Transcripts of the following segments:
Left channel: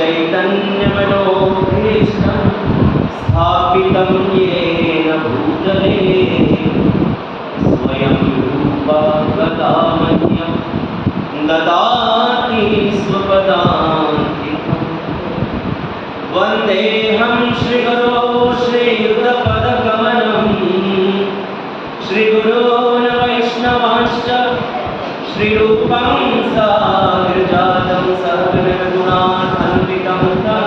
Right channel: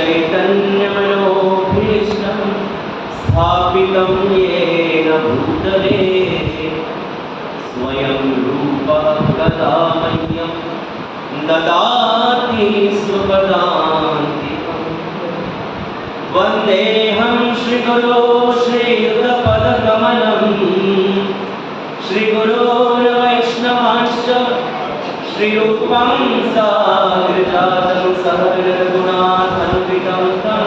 चैतन्यमनोभीष्टं स्थापितं येन भूतले स्वयं रूपः कदा मह्यं ददाति स्वपदान्तिकम्। वन्देऽहं श्रीगुरो श्रीयुतपदकमलं श्रीगुरोन् वैष्णवांश्च श्रीरूपं साग्रजातं सहगणरघुनाथान्वितं तं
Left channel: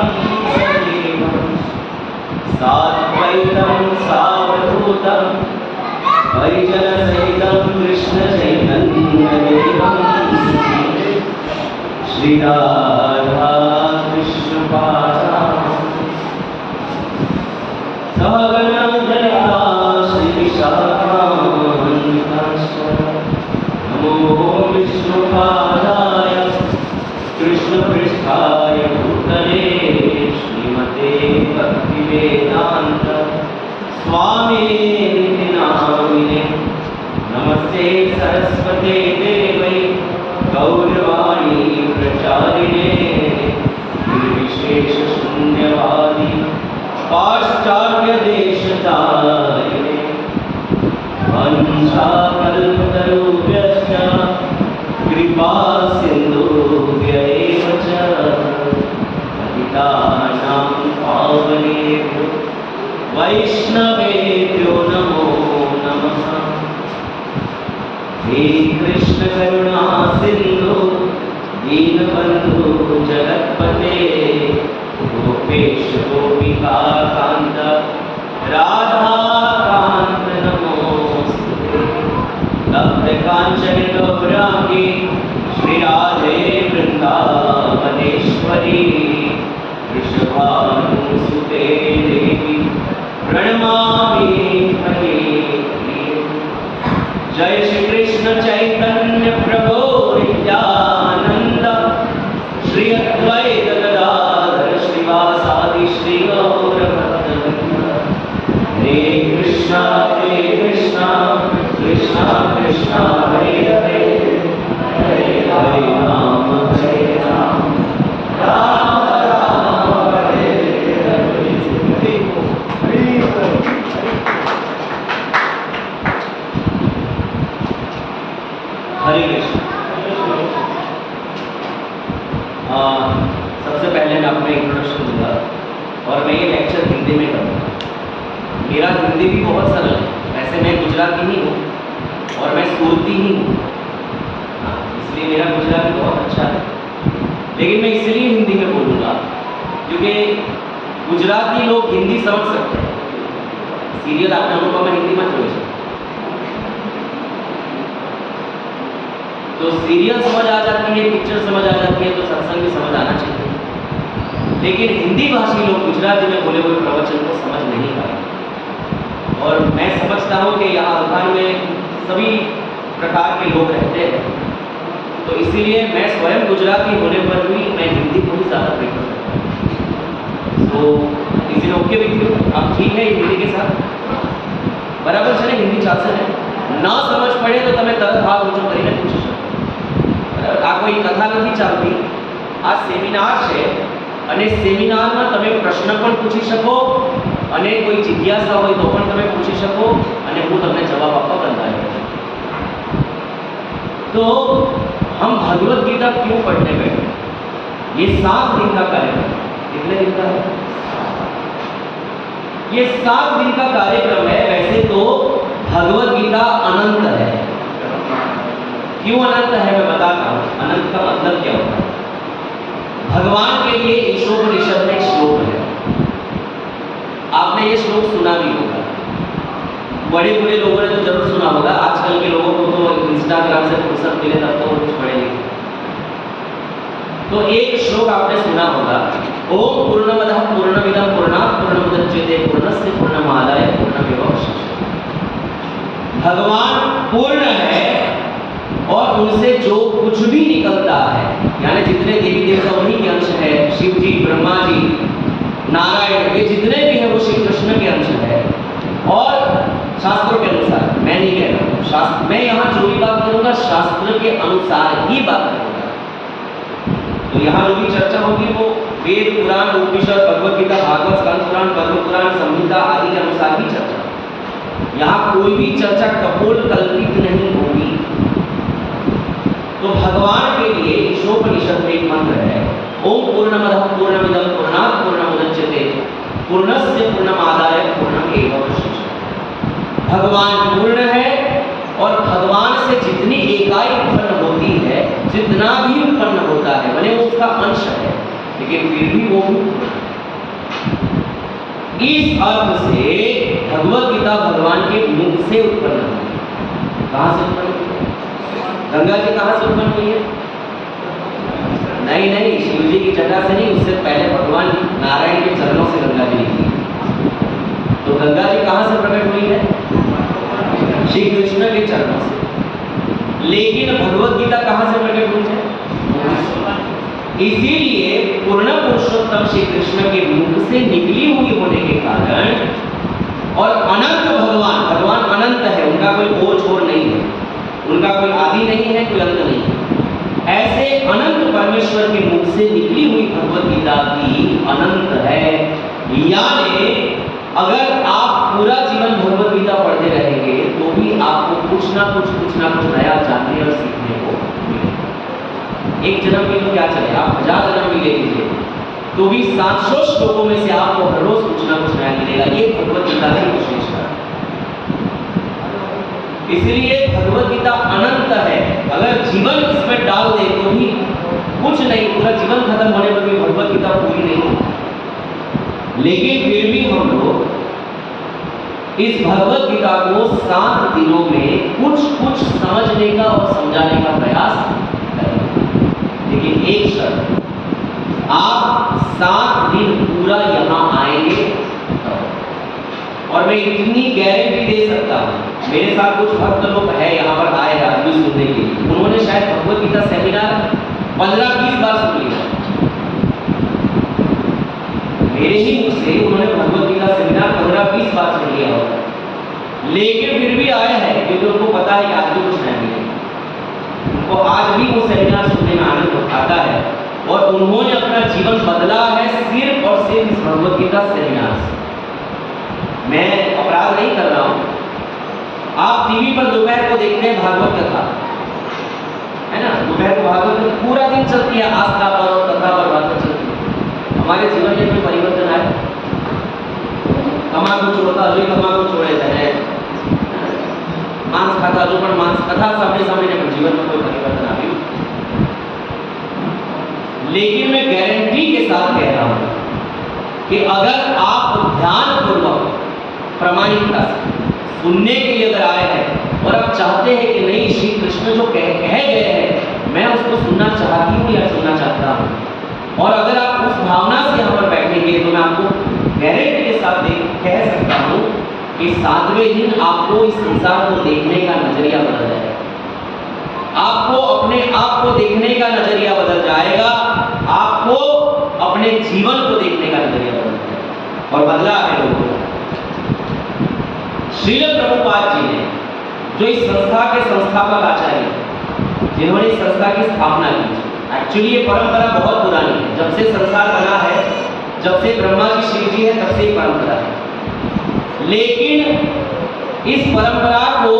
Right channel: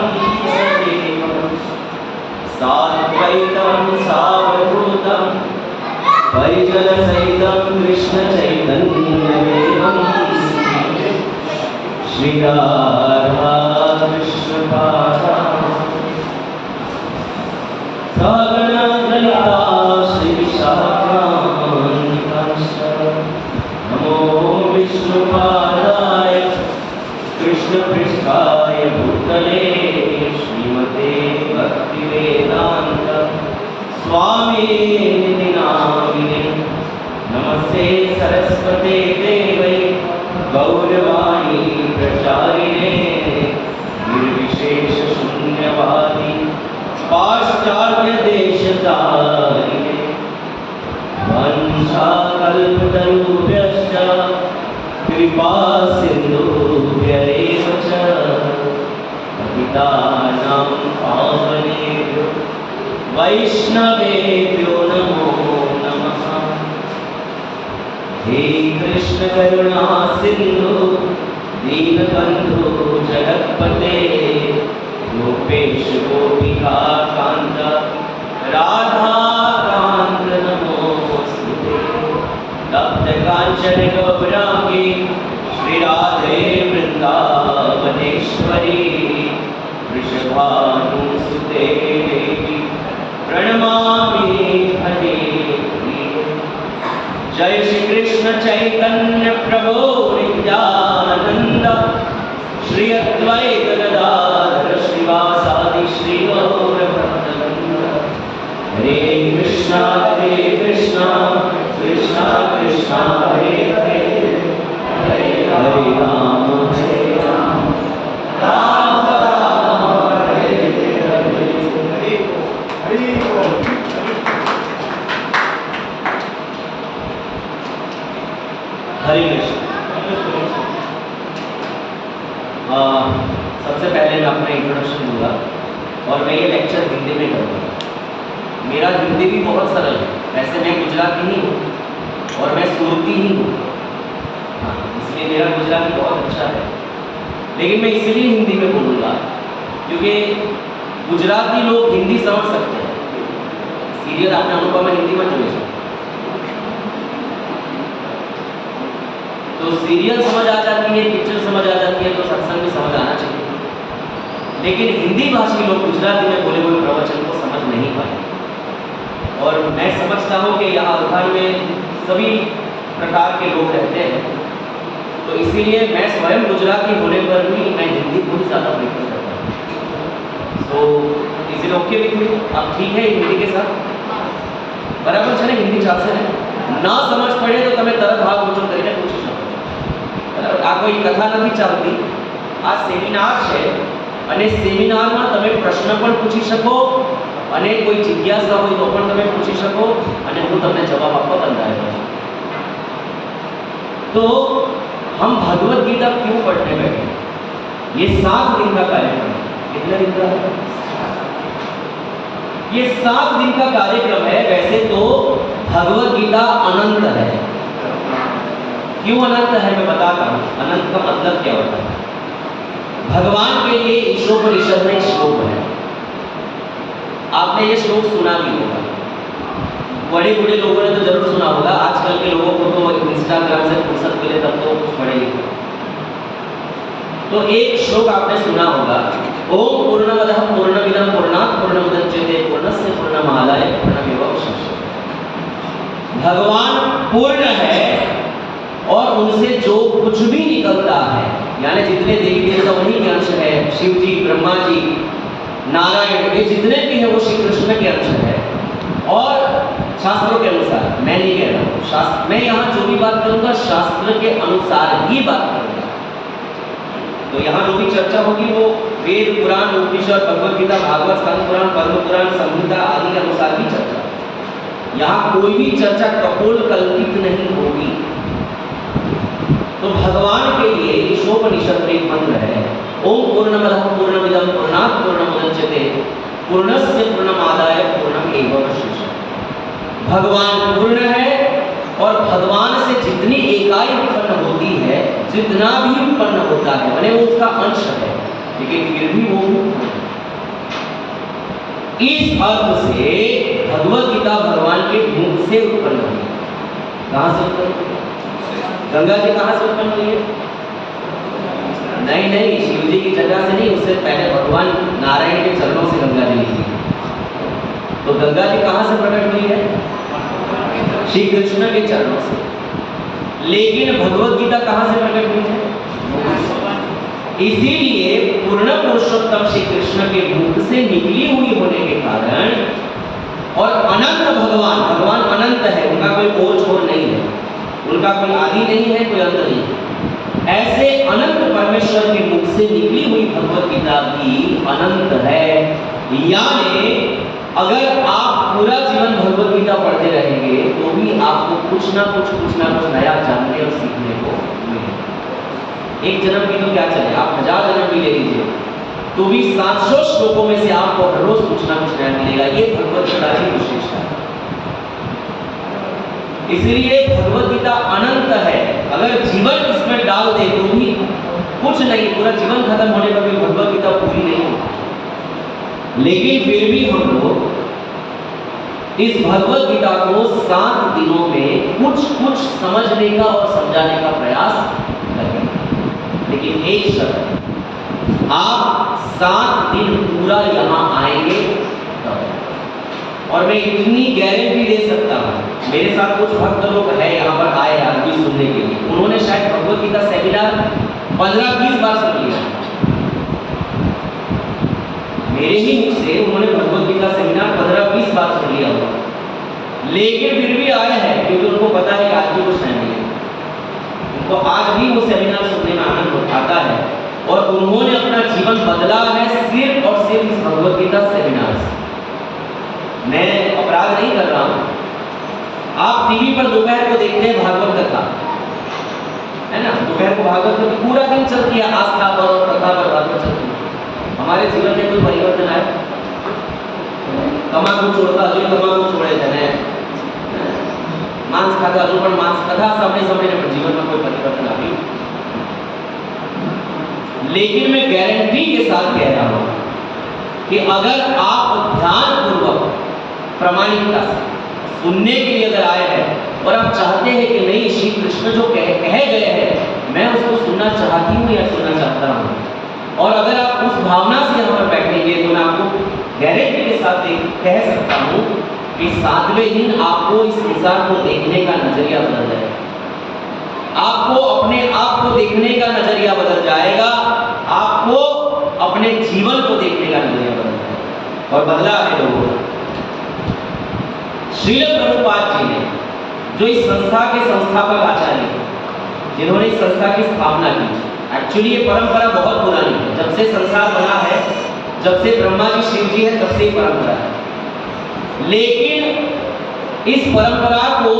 सजीवं साद्वैतं सावधूतं परिजनसहितं कृष्णचैतन्यदेवं श्रीराधा कृष्णपादान् सहगणललिता श्रीविशाखान्वितांश्च नमो विष्णुपादाय कृष्णपृष्ठाय भूतले श्रीमते भक्तिवेदान्त स्वामिनिति नामिने। नमस्ते सरस्वते देवै गौरवाणी प्रचारिणे निर्विशेष शून्यवादी पाश्चात्य देशतारिणे। वंशाकल्पतरुभ्यश्च कृपा सिन्धुभ्य एव च पतितानां पावनेभ्यो वैष्णवेभ्यो नमो नमः। हे कृष्ण करुणा सिन्धु दीनबन्धु जगत्पते गोपेश गोपिका कान्त राधा कान्त नमोस्तुते। तप्त कांचन गौरांगी श्री राधे वृंदावनेश्वरी वृषभानुसुते देवी प्रणमामि हरे प्रिये। जय श्री कृष्ण चैतन्य प्रभु नित्यानंद श्री अद्वैत गदाधर श्रीवासादि श्री गौर भक्तवृंद। हरे कृष्णा कृष्णा कृष्णा हरे हरे हरे राम राम राम हरे हरे। हरे कृष्ण। सबसे पहले मैं अपना इंट्रोडक्शन दूंगा और मैं ये लेक्चर हिंदी में करूँगा। मेरा हिंदी भी बहुत सरल है, वैसे मैं गुजराती ही हूँ और मैं सूरती ही हूँ, इसलिए मेरा गुजराती बहुत अच्छा है। लेकिन मैं इसलिए हिंदी में बोलूँगा क्योंकि गुजराती लोग हिंदी समझ सकते हैं। सीरियल आपने अनुपमा हिंदी में જોયું છે तो सीरियल समझ आ जाती है, पिक्चर समझ आ जाती है, तो सत्संग भी समझ आना चाहिए। लेकिन हिंदी भाषी लोग गुजराती में बोले हुए प्रवचन को समझ नहीं पाए। और मैं समझता हूँ कि यहाँ अवधान में सभी प्रकार के लोग रहते हैं, तो इसीलिए मैं स्वयं गुजराती होने पर भी मैं हिंदी को ही ज़्यादा प्रेफर करता हूँ। तो इसीलिए ओके विथ यू, आप ठीक है हिंदी के साथ? बराबर છે ને? हिंदी ચાલશે ને? ना समझ पड़े तो તમે તરત હાથ ઊંચો કરીને પૂછી શકો। બરાબર? આ કોઈ કથા નથી ચાલતી, આ સેમિનાર છે અને સેમિનારમાં તમે પ્રશ્ન પણ પૂછી શકો અને કોઈ જિજ્ઞાસા હોય તો પણ તમે પૂછી શકો અને હું તમને જવાબ આપવા બંધાયેલો છું। तो हम भगवत गीता क्यों पढ़ने बैठे? ये 7 दिन का कार्यक्रम है। कितने दिन का है? ये 7 दिन का कार्यक्रम है। वैसे तो भगवत गीता अनंत है। क्यों अनंत है मैं बताता हूँ। अनंत का मतलब क्या होता है? भगवान के लिए ईशोपनिषद में एक श्लोक है, आपने ये श्लोक सुना भी होगा। बड़े बूढ़े लोगों ने तो जरूर सुना होगा, आजकल के लोगों को तो इंस्टाग्राम से फुर्सत मिले तब तो कुछ पढ़े लिखे। तो एक श्लोक आपने सुना होगा, ओम पूर्णमदः पूर्णमिदं पूर्णात् पूर्णमुदच्यते पूर्णस्य पूर्णमादाय पूर्णमेवावशिष्यते। भगवान पूर्ण है और उनसे जो कुछ भी निकलता है, यानी जितने देवी देवता वही के अंश है, शिव जी, ब्रह्मा जी, नारायण, ये जितने भी है वो श्री कृष्ण के अंश है। और शास्त्रों के अनुसार, मैं नहीं कह रहा हूँ शास्त्र, मैं यहाँ जो भी बात करूँगा शास्त्र के अनुसार ही बात करूँगा। तो यहाँ जो भी चर्चा होगी वो वेद पुराण उपनिषद भगवत गीता भागवत स्कंद पुराण पद्म पुराण संहिता आदि के अनुसार भी चर्चा। यहाँ कोई भी चर्चा कपोल कल्पित नहीं होगी। तो भगवान के लिए ईशोपनिषद में एक मंत्र है, ओम पूर्णमदः पूर्णमिदं पूर्णात् पूर्णमुदच्यते पूर्णस्य पूर्णमादाय पूर्णमेवावशिष्यते। भगवान पूर्ण है और भगवान से जितनी इकाई उत्पन्न होती है, जितना भी उत्पन्न होता है, माने वो उसका अंश है, लेकिन फिर भी वो पूर्ण है। इस अर्थ से भगवत गीता भगवान के मुख से उत्पन्न हुई है। कहां से उत्पन्न हुई है? गंगा जी कहां से उत्पन्न हुई है? नहीं नहीं, शिव जी की जगह से नहीं, उससे पहले भगवान नारायण के चरणों से गंगा जी निकली। तो गंगा जी कहां से प्रकट हुई है? श्री कृष्ण के चरणों से। लेकिन भगवत गीता कहां से प्रकट हुई है? इसीलिए पूर्ण पुरुषोत्तम श्री कृष्ण के मुख से निकली हुई होने के कारण, और अनंत भगवान अनंत है, उनका कोई ओर छोर नहीं है, उनका कोई आदि नहीं है, कोई अंत नहीं है। ऐसे अनंत परमेश्वर के मुख से निकली हुई भगवत गीता भी अनंत है। यानी अगर आप पूरा जीवन भगवत गीता पढ़ते रहेंगे तो भी आपको कुछ ना कुछ नया जानने और सीखने को मिलेगा। एक जन्म में तो क्या चले, आप 1000 जन्म भी ले लीजिए तो भी 700 श्लोकों में से आपको हर रोज कुछ ना कुछ नया मिलेगा। ये भगवत गीता की विशेषता है। इसलिए भगवत गीता अनंत है। अगर जीवन इसमें डाल दे तो भी कुछ नहीं, पूरा जीवन खत्म होने पर भी भगवत गीता पूरी नहीं होगी। लेकिन फिर भी हम लोग इस भगवत गीता को 7 दिनों में कुछ समझने का और समझाने का प्रयास करेंगे। लेकिन एक शर्त, आप 7 दिन पूरा यहाँ आएंगे और मैं इतनी गारंटी दे सकता हूँ, मेरे साथ कुछ भक्त लोग है यहाँ पर आए आज भी सुनने के लिए, उन्होंने शायद भगवत गीता सेमिनार 15-20 बार सुन लिया। मेरे ही मुख से उन्होंने भगवत गीता सेमिनार 15-20 बार सुन लिया होगा, लेकिन फिर भी आए हैं क्योंकि उनको पता है कि आज भी कुछ नहीं मिलेगा। उनको आज भी वो सेमिनार सुनने में आनंद आता है और उन्होंने अपना जीवन बदला है सिर्फ और सिर्फ इस भगवत गीता सेमिनार से। मैं अपराध नहीं कर रहा हूँ। आप टीवी पर दोपहर को देखते हैं भागवत कथा, है ना, दोपहर को भागवत कथा पूरा दिन चलती है, आस्था पर और कथा पर भागवत चलती है। हमारे जीवन में कोई परिवर्तन आए? तम्बाकू छोड़ता अभी तम्बाकू छोड़े थे, मांस खाता जो पर मांस कथा सामने पर जीवन में कोई परिवर्तन आ गई। लेकिन मैं गारंटी के साथ कह रहा हूं कि अगर आप ध्यान पूर्वक प्रामाणिकता से सुनने के लिए अगर आए हैं और आप चाहते हैं कि नहीं श्री कृष्ण जो कह गए हैं मैं उसको सुनना चाहती हूँ या सुनना चाहता हूँ, और अगर आप उस भावना से यहाँ पर बैठेंगे तो मैं आपको गारंटी के साथ कह सकता हूँ कि 7वें दिन आपको इस संसार को देखने का नजरिया बदल जाएगा। आपको अपने आप को देखने का नजरिया बदल जाएगा, आपको अपने जीवन को देखने का नजरिया बदल जाएगा। और बदला है लोगों ने। श्रील प्रभुपाद जी ने, जो इस संस्था के संस्थापक आचार्य हैं, जिन्होंने इस संस्था की स्थापना की, एक्चुअली ये परंपरा बहुत पुरानी है, जब से संसार बना है, जब से ब्रह्मा जी शिव जी है, तब से ये परंपरा है। लेकिन इस परंपरा को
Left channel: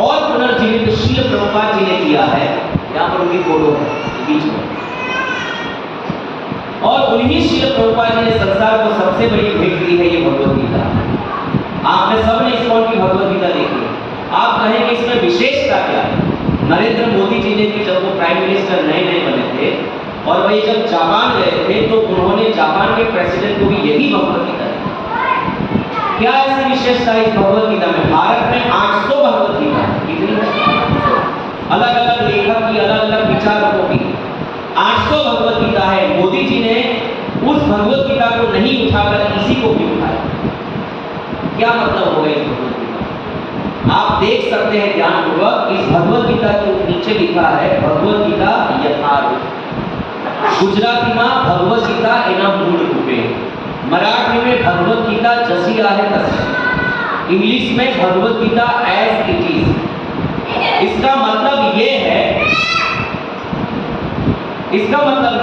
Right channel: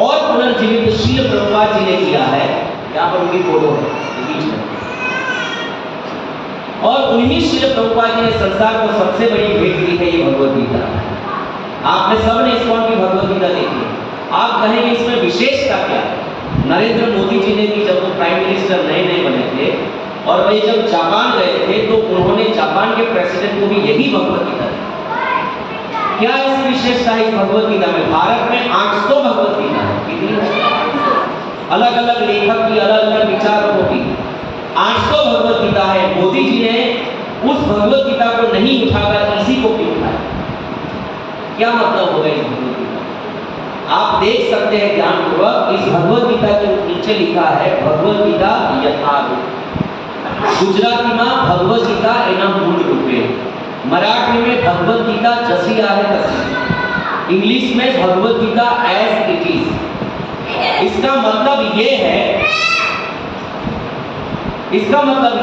और पुनर्जीवित श्रील प्रभुपाद जी ने किया है। यहाँ पर उनकी फोटो है बीच में, और उन्हीं श्रील प्रभुपाद जी ने संसार को सबसे बड़ी भेंट दी है ये भगवत गीता। आपने सबने इस्कॉन की भगवत गीता देखी है, आप कहेंगे इसमें विशेषता क्या है? नरेंद्र मोदी जी ने भी, जब वो प्राइम मिनिस्टर नए बने थे और वे जब जापान गए थे तो उन्होंने जापान के प्रेसिडेंट को भी यही भगवत गीता दी। क्या ऐसी विशेषता है इस भगवत गीता में? भारत में 800 भगवत गीता है, कितनी है? अलग अलग लेखक की, अलग अलग विचारकों की 800 भगवत गीता है। मोदी जी ने उस भगवत गीता को नहीं उठाकर इसी को क्यों उठाया? क्या मतलब होगा इस भगवत गीता? आप देख सकते हैं ध्यानपूर्वक, इस भगवत गीता के नीचे लिखा है भगवत गीता यथारूप। गुजराती में भगवत गीता एना मूल रूपे, मराठी में भगवत गीता जैसी आहे तैसी, इंग्लिश में Bhagavad Gita as it is. इसका मतलब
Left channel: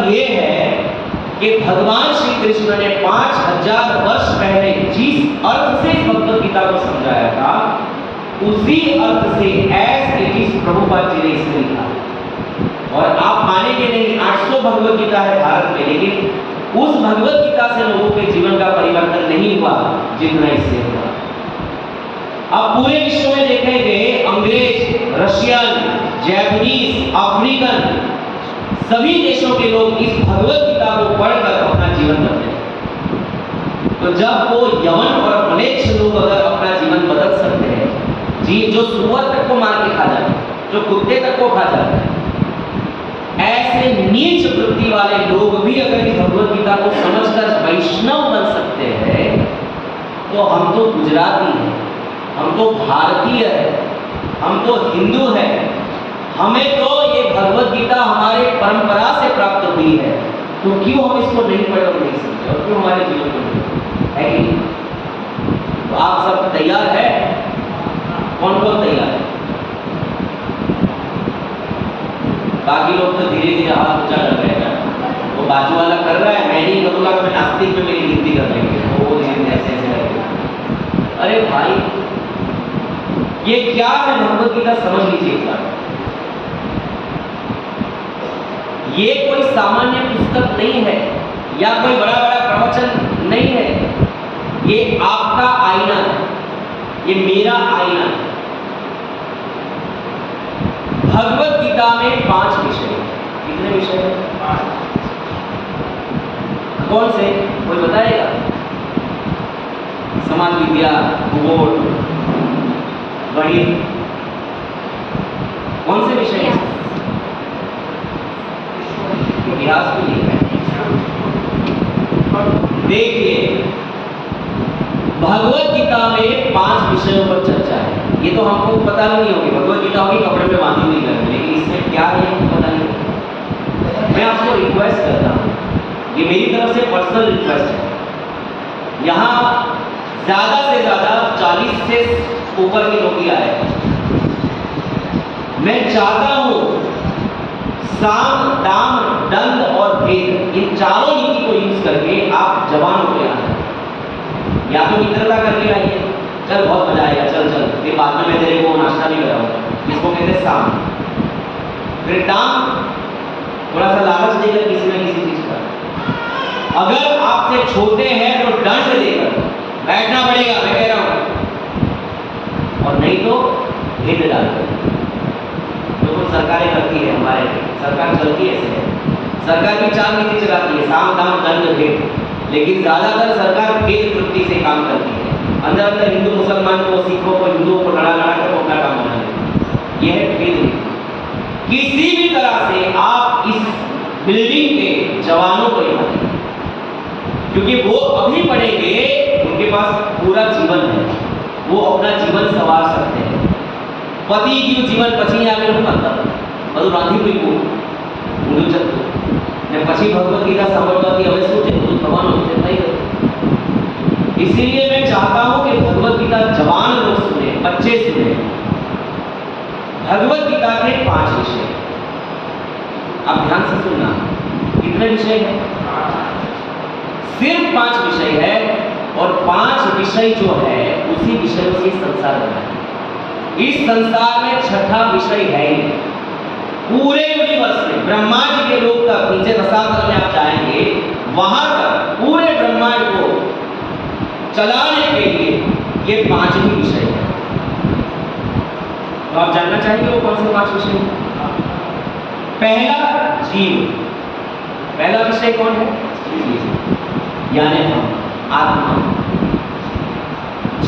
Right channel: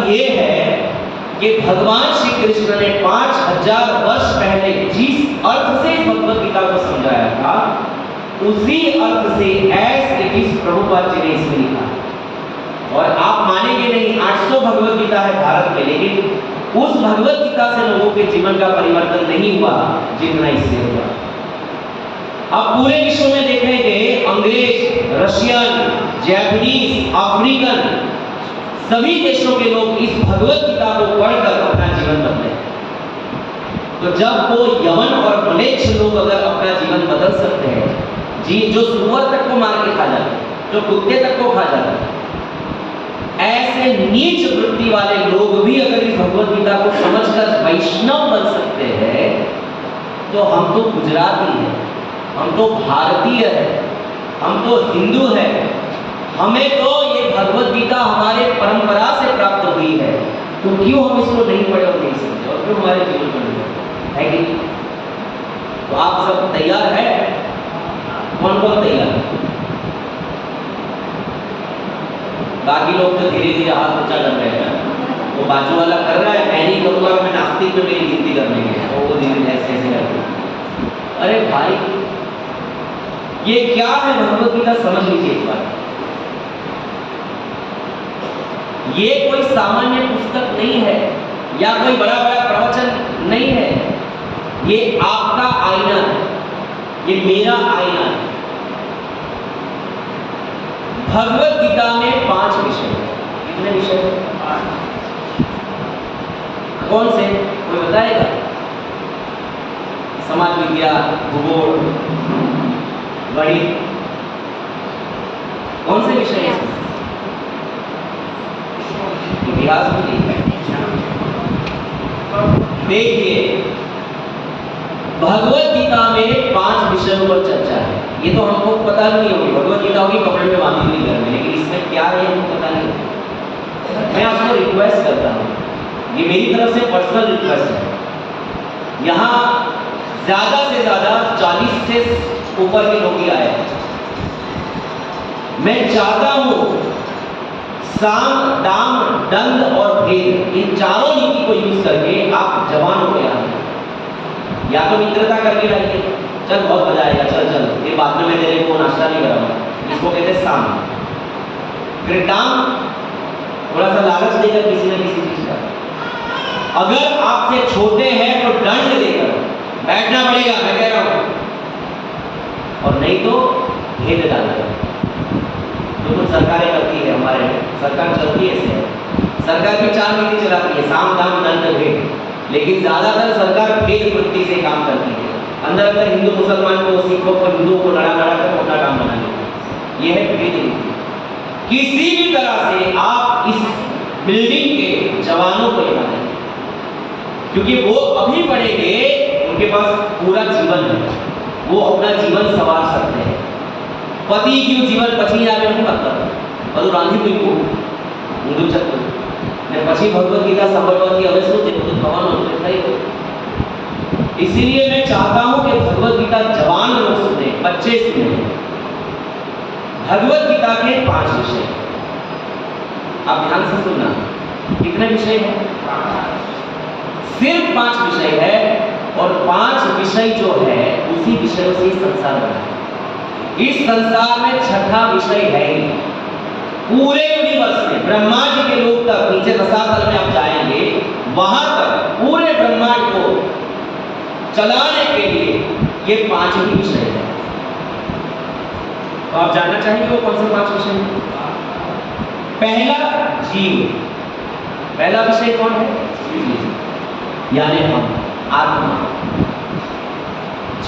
ये है कि भगवान श्री कृष्ण ने 5000 वर्ष पहले जिस अर्थ से भगवत गीता को समझाया था, उसी अर्थ से as it is Prabhupada ji ने इसमें लिखा। और आप मानेंगे नहीं, 800 भगवत गीता है भारत में, लेकिन उस भगवत गीता से लोगों के जीवन का परिवर्तन नहीं हुआ जितना इससे हुआ। अब पूरे विश्व में देखेंगे, अंग्रेज, रशियन, जापानीज, अफ्रीकन, सभी देशों के लोग इस भगवत गीता को पढ़कर अपना जीवन बदले। तो जब वो यवन और म्लेच्छ लोग अगर अपना जीवन बदल सकते हैं, जी, जो सुअर तक को मार के खा जाते हैं, जो कुत्ते तक को खा जाते हैं, ऐसे नीच वृत्ति वाले लोग भी अगर इस भगवत गीता को समझकर वैष्णव बन सकते हैं, तो हम तो गुजराती हैं, हम तो भारतीय हैं, हम तो हिंदू हैं, हमें तो ये भगवत गीता हमारे परंपरा से प्राप्त हुई है, तो क्यों हम इसको नहीं पढ़े और नहीं समझे, और क्यों हमारे जीवन में है कि नहीं? तो आप सब तैयार है? कौन कौन तैयार है? बाकी लोग तो धीरे धीरे हाथ ऊंचा कर रहे हैं, वो बाजू वाला कर रहा है, मैं नहीं करूँगा, मैं नास्तिक में मेरी गिनती कर लेंगे, वो धीरे धीरे ऐसे ऐसे करके। अरे भाई, ये क्या है भगवत गीता, समझ लीजिए एक बार। ये कोई सामान्य पुस्तक नहीं है, या कोई बड़ा बड़ा प्रवचन नहीं है, ये आपका आईना है, ये मेरा आईना है। भगवत गीता में 5 विषय हैं। कितने विषय हैं? 5। कौन से? कोई बताएगा? समाज विज्ञान, भूगोल, गणित, कौन से विषय हैं? इतिहास भी नहीं है। देखिए, भगवत गीता में 5 विषयों पर चर्चा है। ये तो हमको पता नहीं होगी, भगवत गीता होगी कपड़े में बांधी हुई घर में, लेकिन इसमें क्या है हमको पता नहीं। मैं आपको रिक्वेस्ट करता हूँ, ये मेरी तरफ से पर्सनल रिक्वेस्ट है, यहाँ ज्यादा से ज्यादा 40 से ऊपर के लोग ही आए। मैं चाहता हूँ साम, दाम, दंड और भेद, इन चारों नीति को यूज करके आप जवानों को यहाँ या तो मित्रता करके लाइए, चल बहुत मजा आएगा, चल चल, ये बाद में मैं तेरे को नाश्ता नहीं कराऊंगा, इसको कहते हैं साम। फिर दाम, थोड़ा सा लालच देकर किसी न किसी चीज का। अगर आपसे छोटे हैं तो दंड देकर बैठना पड़ेगा, मैं कह रहा हूं, और नहीं तो भेद डालना। तो कुछ सरकारें करती है, हमारे सरकार चलती है ऐसे, सरकार भी 4 नीति चलाती है, साम, दाम, दंड, भेद, लेकिन ज्यादातर सरकार भेद वृत्ति से काम करती है। अंदर अंदर हिंदू मुसलमान को, सिखों को, हिंदुओं को लड़ा लड़ा कर अपना काम बना लेते। यह है भेद नीति। किसी भी तरह से आप इस बिल्डिंग के जवानों को ये बताएंगे, क्योंकि वो अभी पढ़ेंगे, उनके पास पूरा जीवन है, वो अपना जीवन संवार सकते हैं। पति क्यों जीवन पची आगे नहीं मतलब બધું રાંધી મૂક્યું ઊંધું ચક્ર ને પછી ભગવદ ગીતા સાંભળવાથી હવે શું છે, બધું થવાનું છે, થઈ ગયું। इसीलिए मैं चाहता हूं कि भगवद गीता जवान लोग सुने, बच्चे सुने। भगवद गीता के 5 विषय, आप ध्यान से सुनना। कितने विषय हैं? सिर्फ 5 विषय है, और 5 विषय जो है उसी विषयों से संसार बना है। इस संसार में 6ठा विषय है ही। पूरे यूनिवर्स में ब्रह्मांड के लोग तक, नीचे रसातल में आप जाएंगे, वहां तक पूरे ब्रह्मांड को चलाने के लिए ये 5 ही विषय है। तो आप जानना चाहेंगे वो कौन से 5 विषय हैं? पहला जीव, पहला विषय कौन है? यानी हम, आत्मा।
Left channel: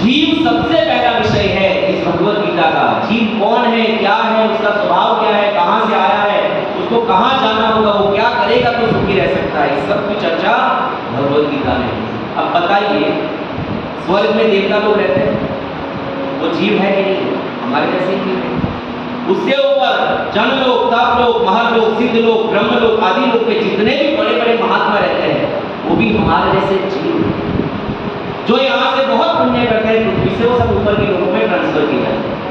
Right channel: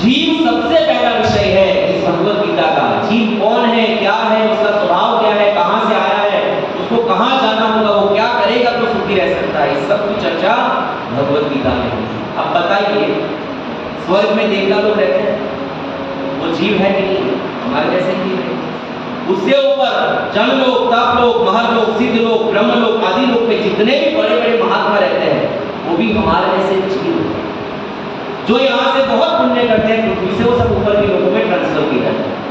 जीव सबसे पहला विषय है इस भगवत गीता का। जीव कौन है, क्या है, उसका स्वभाव क्या है, कहां से आया है, उसको कहां जाना होगा, वो क्या करेगा तो सुखी रह सकता है, इस सब की चर्चा भगवत गीता में। अब बताइए, स्वर्ग में देवता लोग रहते हैं, वो जीव है कि नहीं? हमारे जैसे ही है। उससे ऊपर जनलोक, तपलोक, महलोक, सिद्धलोक, ब्रह्मलोक आदि लोक पे जितने भी बड़े बड़े महात्मा रहते हैं, वो भी हमारे जैसे जीव हैं, जो यहाँ से बहुत पुण्य करते हैं, पृथ्वी से वो सब ऊपर के लोगों में ट्रांसफर किए जाते हैं।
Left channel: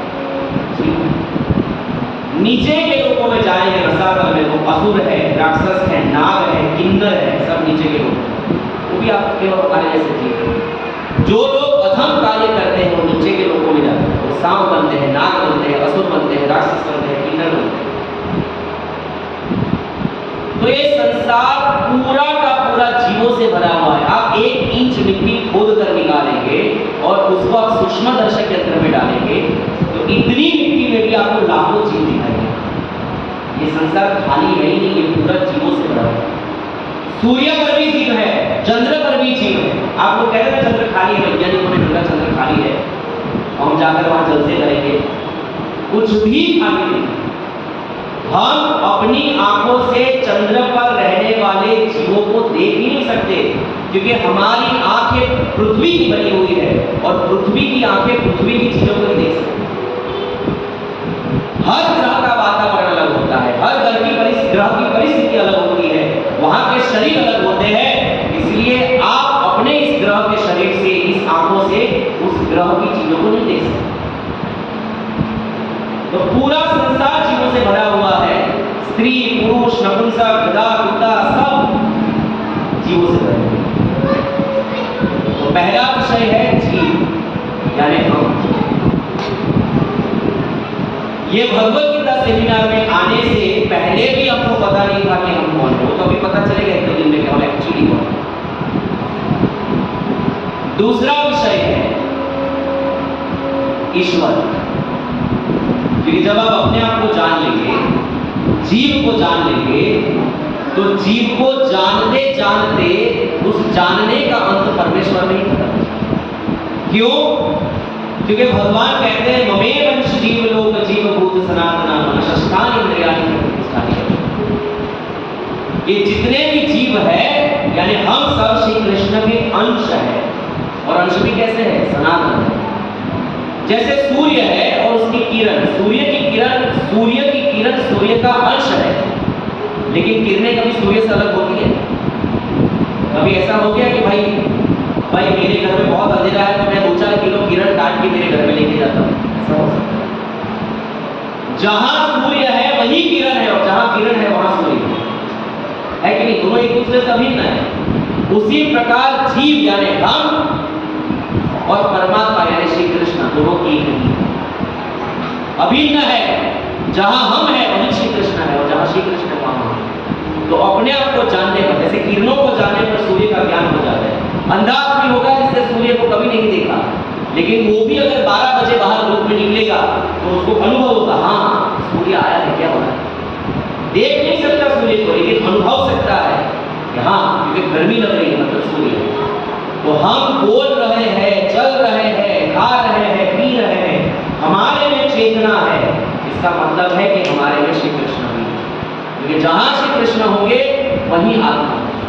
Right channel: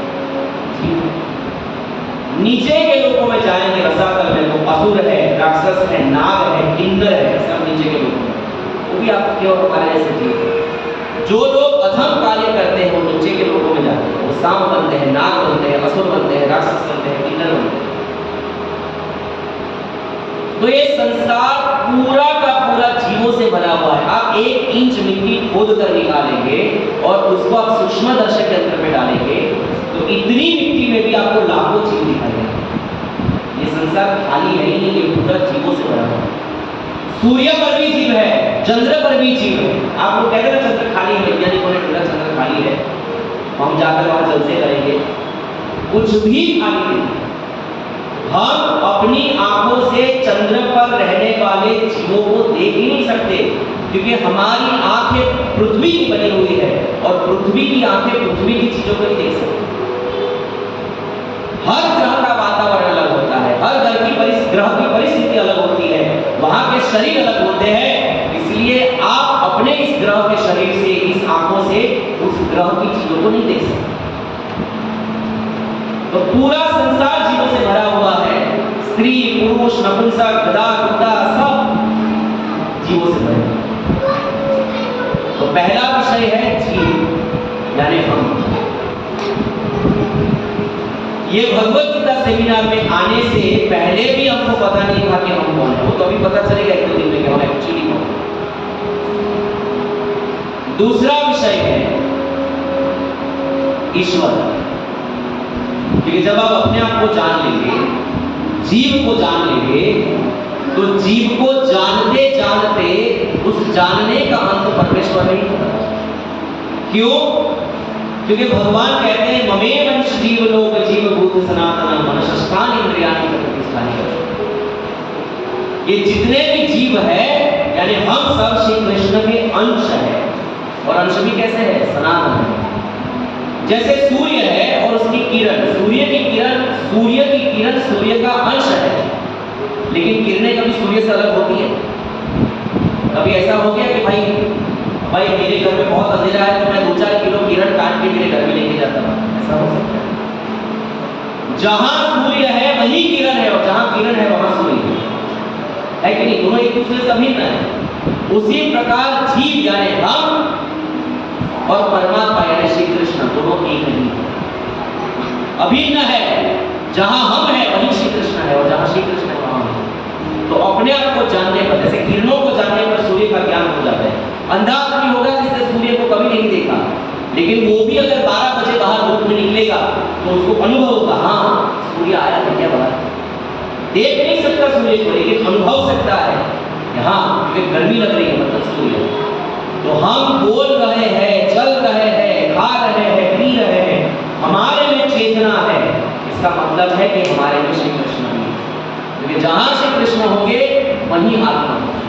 नीचे के लोगों में जाएंगे रसातल में, तो असुर है, राक्षस है, नाग है, किन्नर है, सब नीचे के कार्य से जीव। जो लोग अधम कार्य करते हैं वो नीचे के लोगों में जाते हैं, वो सांप बनते हैं, नाग बनते हैं, असुर बनते हैं, राक्षस बनते हैं, किन्नर बनते हैं। तो ये संसार पूरा का पूरा जीवों से भरा हुआ है। आप 1 इंच मिट्टी खोद कर निकालेंगे और उसको आप सूक्ष्म दर्शक यंत्र में डालेंगे तो इतनी मिट्टी में भी आपको लाखों जीव दिखाई देंगे। ये संसार खाली है ही नहीं, ये पूरा जीवों से भरा हुआ है। सूर्य पर भी जीव है, चंद्र पर भी जीव है। आप लोग कह रहे हैं चंद्र खाली है, वैज्ञानिकों ने ढूंढा चंद्र खाली है, हम जाकर वहां जलसे करेंगे, कुछ भी खाली नहीं। हम अपनी आंखों से चंद्र पर रहने वाले जीवों को देख ही नहीं सकते, क्योंकि हमारी आंखें पृथ्वी की बनी हुई है और पृथ्वी की आंखें पृथ्वी की चीजों को नहीं देख सकती। हर ग्रह का वातावरण अलग होता है, हर ग्रह की परिस्थिति अलग होती है, वहां के शरीर अलग होते हैं। इसलिए आप अपने इस ग्रह के शरीर से, इस आंखों से उस ग्रह की चीजों को नहीं देख सकते। तो पूरा संसार जीवों से भरा हुआ है। स्त्री, पुरुष, नपुंसक, गधा, कुत्ता सब जीवों से भरे हुए। तो पहला विषय है जीव यानी हम। ये भगवत गीता सेमिनार में आने से पहले भी हमको पता नहीं था कि हम कौन है। वो तो अभी पता चलेगा 1-2 दिन में कि हम एक्चुअली कौन है। दूसरा विषय है ईश्वर। क्योंकि जब आप अपने आप को जान लेंगे, जीव को जान लेंगे, तो जीव को जानते जानते उस जानने का अंत परमेश्वर में ही होता है। क्यों? क्योंकि भगवान कहते हैं ममे वंश जीव लोक जीव भूत सनातन मनशस्तानि इंद्रियाणि प्रतिष्ठानि। ये जितने भी जीव है यानी हम सब श्री कृष्ण के अंश है। और अंश भी कैसे है? सनातन है। जैसे सूर्य है और उसकी किरण, सूर्य की किरण सूर्य का अंश है, लेकिन किरणें कभी सूर्य से अलग होती है? कभी ऐसा हो गया कि भाई मेरे घर में बहुत अंधेरा है तो मैं 2-4 किलो किरण काट के मेरे घर में लेके जाता हूँ? ऐसा हो सकता है? जहां सूर्य है वही किरण है और जहां किरण है वहां सूर्य है कि नहीं? दोनों एक दूसरे से अभिन्न है। उसी प्रकार जीव यानी हम और परमात्मा यानी श्री कृष्ण दोनों एक नहीं है, अभिन्न है। जहां हम है वहीं श्री कृष्ण है और जहां श्री कृष्ण है वहां हम है। तो अपने आप को जानने पर, जैसे किरणों को जानने पर सूर्य का ज्ञान हो जाता है। अंधा आदमी होगा जिसने सूर्य को कभी नहीं देखा, लेकिन वो भी अगर 12 बजे बाहर धूप में निकलेगा तो उसको अनुभव होगा, हाँ सूर्य आया है, क्या बना। देख नहीं सकता सूर्य को, लेकिन अनुभव सकता है कि हाँ क्योंकि गर्मी लग रही है मतलब सूर्य है। तो हम बोल रहे हैं, चल रहे हैं, खा रहे हैं, पी रहे हैं, हमारे में चेतना है, इसका मतलब है कि हमारे में श्री कृष्ण भी है। क्योंकि जहां श्री कृष्ण होंगे वहीं आत्मा होगी,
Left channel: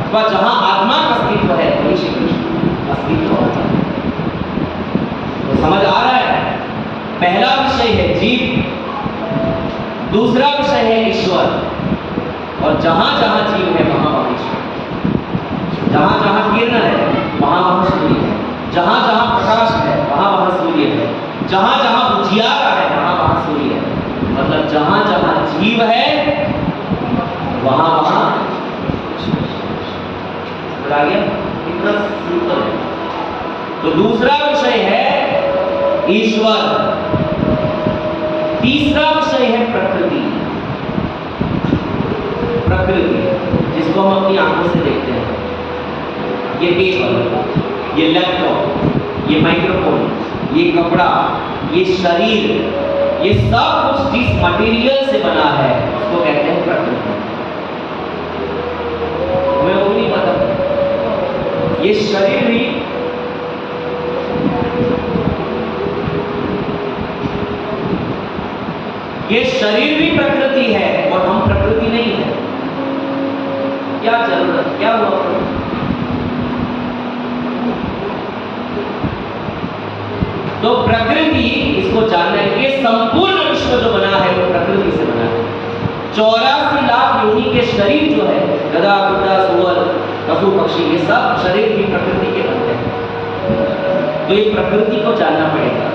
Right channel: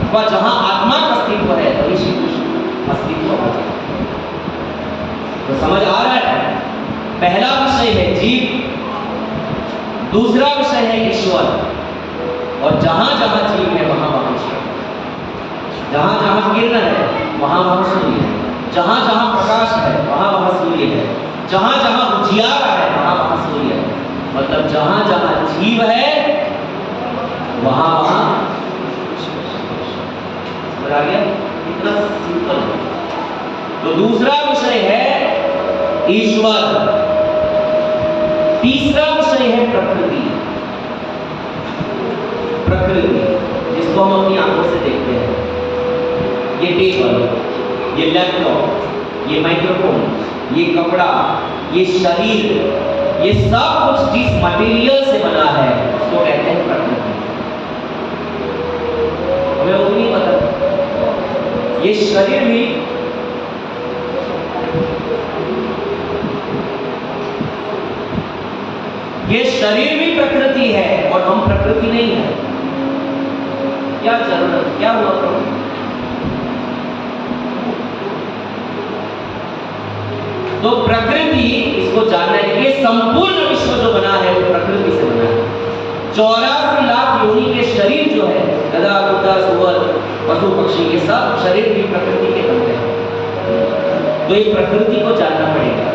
अथवा जहां आत्मा का अस्तित्व है वहीं श्री कृष्ण अस्तित्व होगा। तो समझ आ रहा है? पहला विषय है जीव, दूसरा विषय है ईश्वर। और जहां जहां जीव है वहां वहां ईश्वर। जहां जहां किरण है वहां वहां सूर्य है, जहां जहां प्रकाश है वहां वहां सूर्य है, जहां जहां उजियारा है वहां वहां सूर्य है। मतलब जहां जहां जीव है वहां वहां समझ आ गया? इतना सिंपल है। तो दूसरा विषय है ईश्वर। तीसरा विषय है प्रकृति। प्रकृति जिसको हम अपनी आंखों से देखते हैं। ये टेबल, ये लैपटॉप, ये माइक्रोफोन, ये कपड़ा, ये शरीर, ये सब कुछ जिस मटेरियल से बना है उसको कहते हैं प्रकृति। हमें वो नहीं पता। ये शरीर भी प्रकृति है और हम प्रकृति नहीं है। क्या जरूरत, क्या हुआ? तो प्रकृति, इसको जानना है कि संपूर्ण विश्व जो बना है वो प्रकृति से बना है। 84 लाख योनि के शरीर जो है, गधा, कुत्ता, सुअर, पशु, पक्षी, ये सब शरीर भी प्रकृति के बनते हैं। तो ये प्रकृति को जानना पड़ेगा।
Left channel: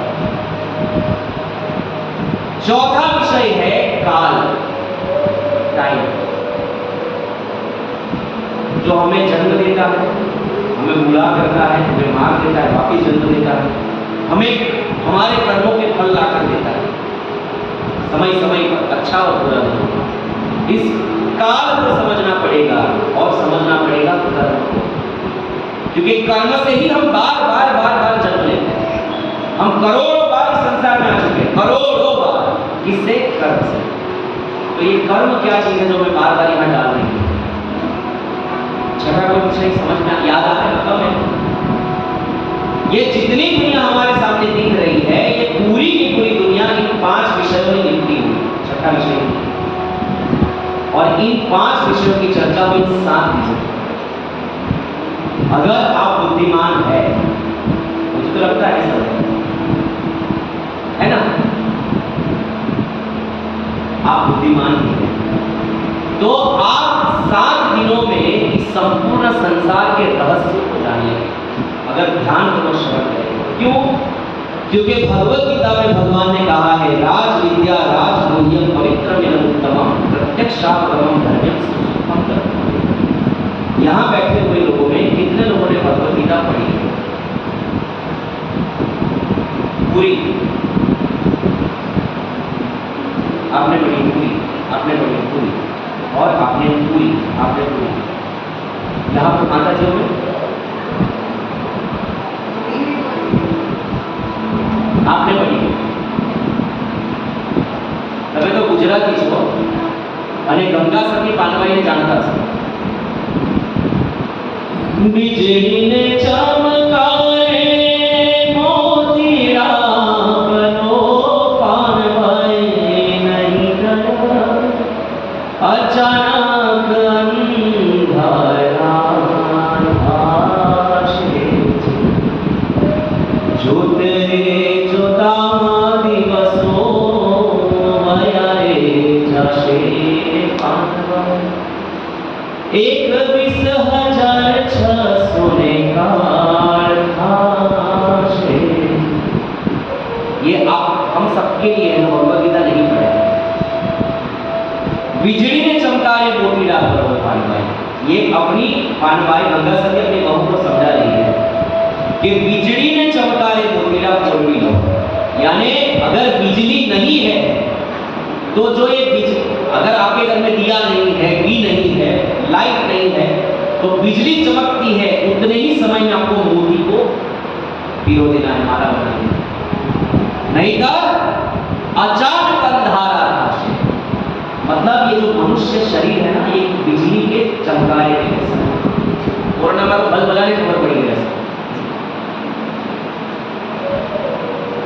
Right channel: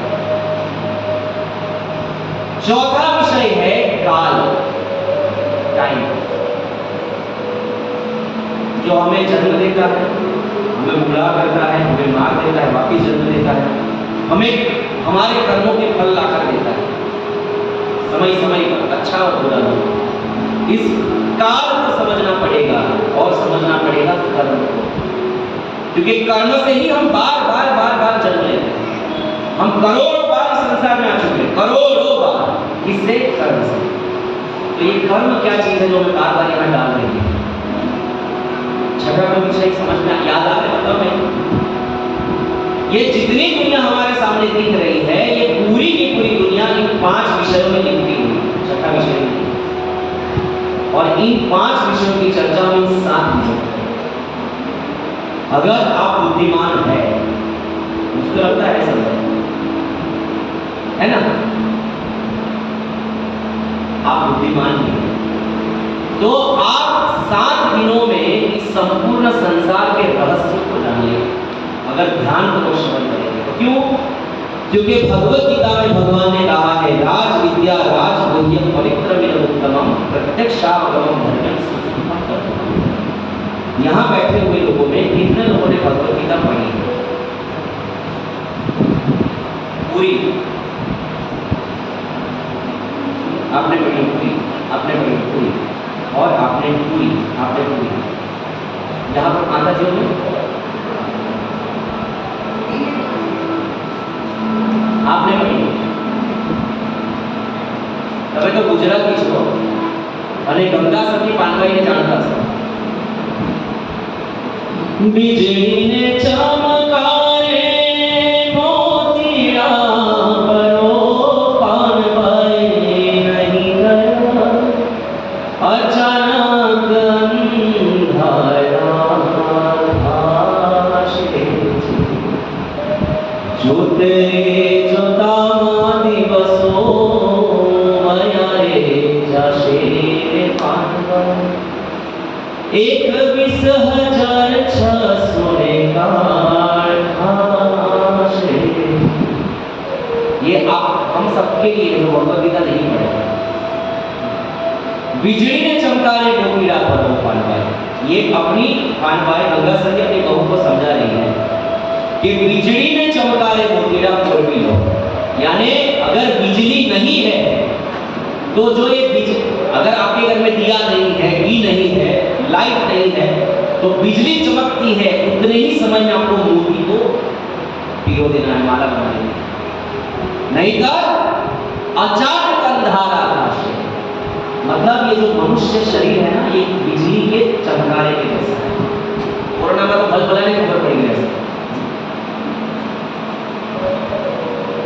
चौथा विषय है काल, टाइम, जो हमें जन्म देता है, हमें हमें बूढ़ा करता है, हमें मार देता है, वापिस जन्म देता है, हमें हमारे कर्मों के फल लाकर देता है समय समय पर, अच्छा और बुरा। इस काल को समझना पड़ेगा और समझना पड़ेगा कर्म को, क्योंकि कर्म से ही हम बार बार जन्म लेते हैं। हम करोड़ों बार इस संसार में आ चुके हैं, करोड़ों बार, किससे? कर्म से। तो ये कर्म क्या चीज है जो हमें बार बार यहाँ डाल रही है? छठा कोई विषय समझ में याद आ रहा है? मतलब मैं ये जितनी दुनिया हमारे सामने दिख रही है, ये पूरी की पूरी दुनिया इन 5 विषयों में लिखी हुई है। छठा विषय, और इन 5 विषयों की चर्चा में 7 विषय। अगर आप बुद्धिमान है, मुझे तो लगता है समझ, है ना? आप बुद्धिमान हैं तो आप 7 दिनों में इस संपूर्ण संसार के रहस्य को जानिए, अगर ध्यान को श्रवण करें। क्यों? क्योंकि भगवत गीता में भगवान ने कहा है, राज विद्या राज गुह्यम पवित्रमिदं उत्तमम प्रत्यक्षावगमं धर्म्यं सुसुखं कर्म। यहाँ बैठे हुए लोगों में कितने लोगों ने भगवत गीता पढ़ी है? पूरी आपने पढ़ी? पूरी आपने पढ़ी? पूरी और आपने पूरी यहाँ पर माता जी ने आपने पढ़ी? तबे तो गुजराती छो અને ગંગા સતી પાનભાઈને જાણતા છો। बिजली चमकाए मोतिया परो पानभाई नहीं गया, अचानक अंधारा आशे जोते एक 20,600 ये आप हम सबके लिए जो भगवत गीता नहीं पढ़े। बिजली ने चमकारे मोतीड़ा पर वो पानभाई, ये अपनी पानभाई गंगा सती अपनी बहू को समझा रही है कि बिजली ने चमकारे मोतीड़ा पर भी लो, यानी अगर बिजली नहीं है तो जो ये अगर आपके घर में दिया नहीं है, घी नहीं है, लाइट नहीं है, तो बिजली चमकती है, उतने ही समय में आपको मोती को पिरो देना है, माला बनानी है। नहीं तो अचानक अंधारा आकाश, मतलब ये जो मनुष्य शरीर है ना, ये बिजली के चमकारे के जैसा है। कोरोना में तो बल बनाने खबर पड़ी है।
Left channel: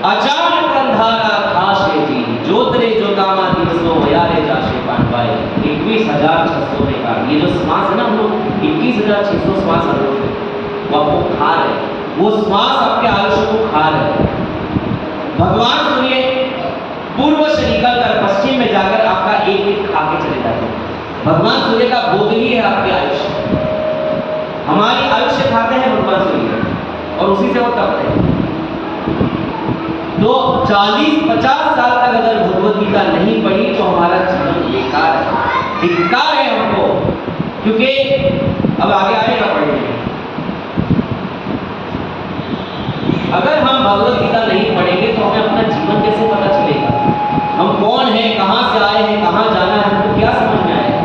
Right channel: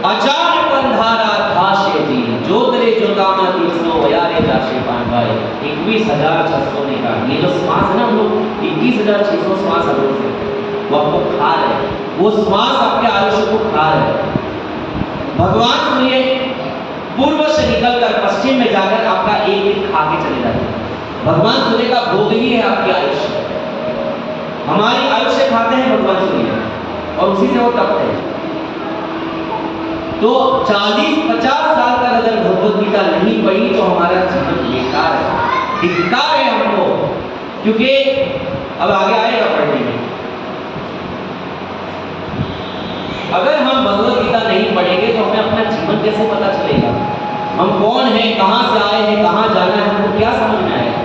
अचानक अंधारा थाशे जी, जोतरे जोतामा दिवसो यारे जाशे पानभाई। 21,600 ने कहा, ये जो श्वास है ना, हम लोग 21,600 श्वास हम लोग से वो आपको खा रहे, वो श्वास आपके आयुष्य को खा रहे। भगवान सुनिए, पूर्व से निकलकर पश्चिम में जाकर आपका एक एक खा के चले जाते हैं। भगवान सूर्य का भोग ही है आपके आयुष्य, हमारी आयुष्य खाते हैं भगवान सूर्य और उसी से वो तपते हैं। तो 40-50 साल तक अगर भगवत गीता नहीं पढ़ी तो हमारा जीवन बेकार है, धिक्कार है हमको, क्योंकि अब आगे आएगा पढ़ने में। अगर हम भगवत गीता नहीं पढ़ेंगे तो हमें अपना जीवन कैसे पता चलेगा? हम कौन हैं, कहां से आए हैं, कहां जाना है, हमको क्या समझ में आएगा?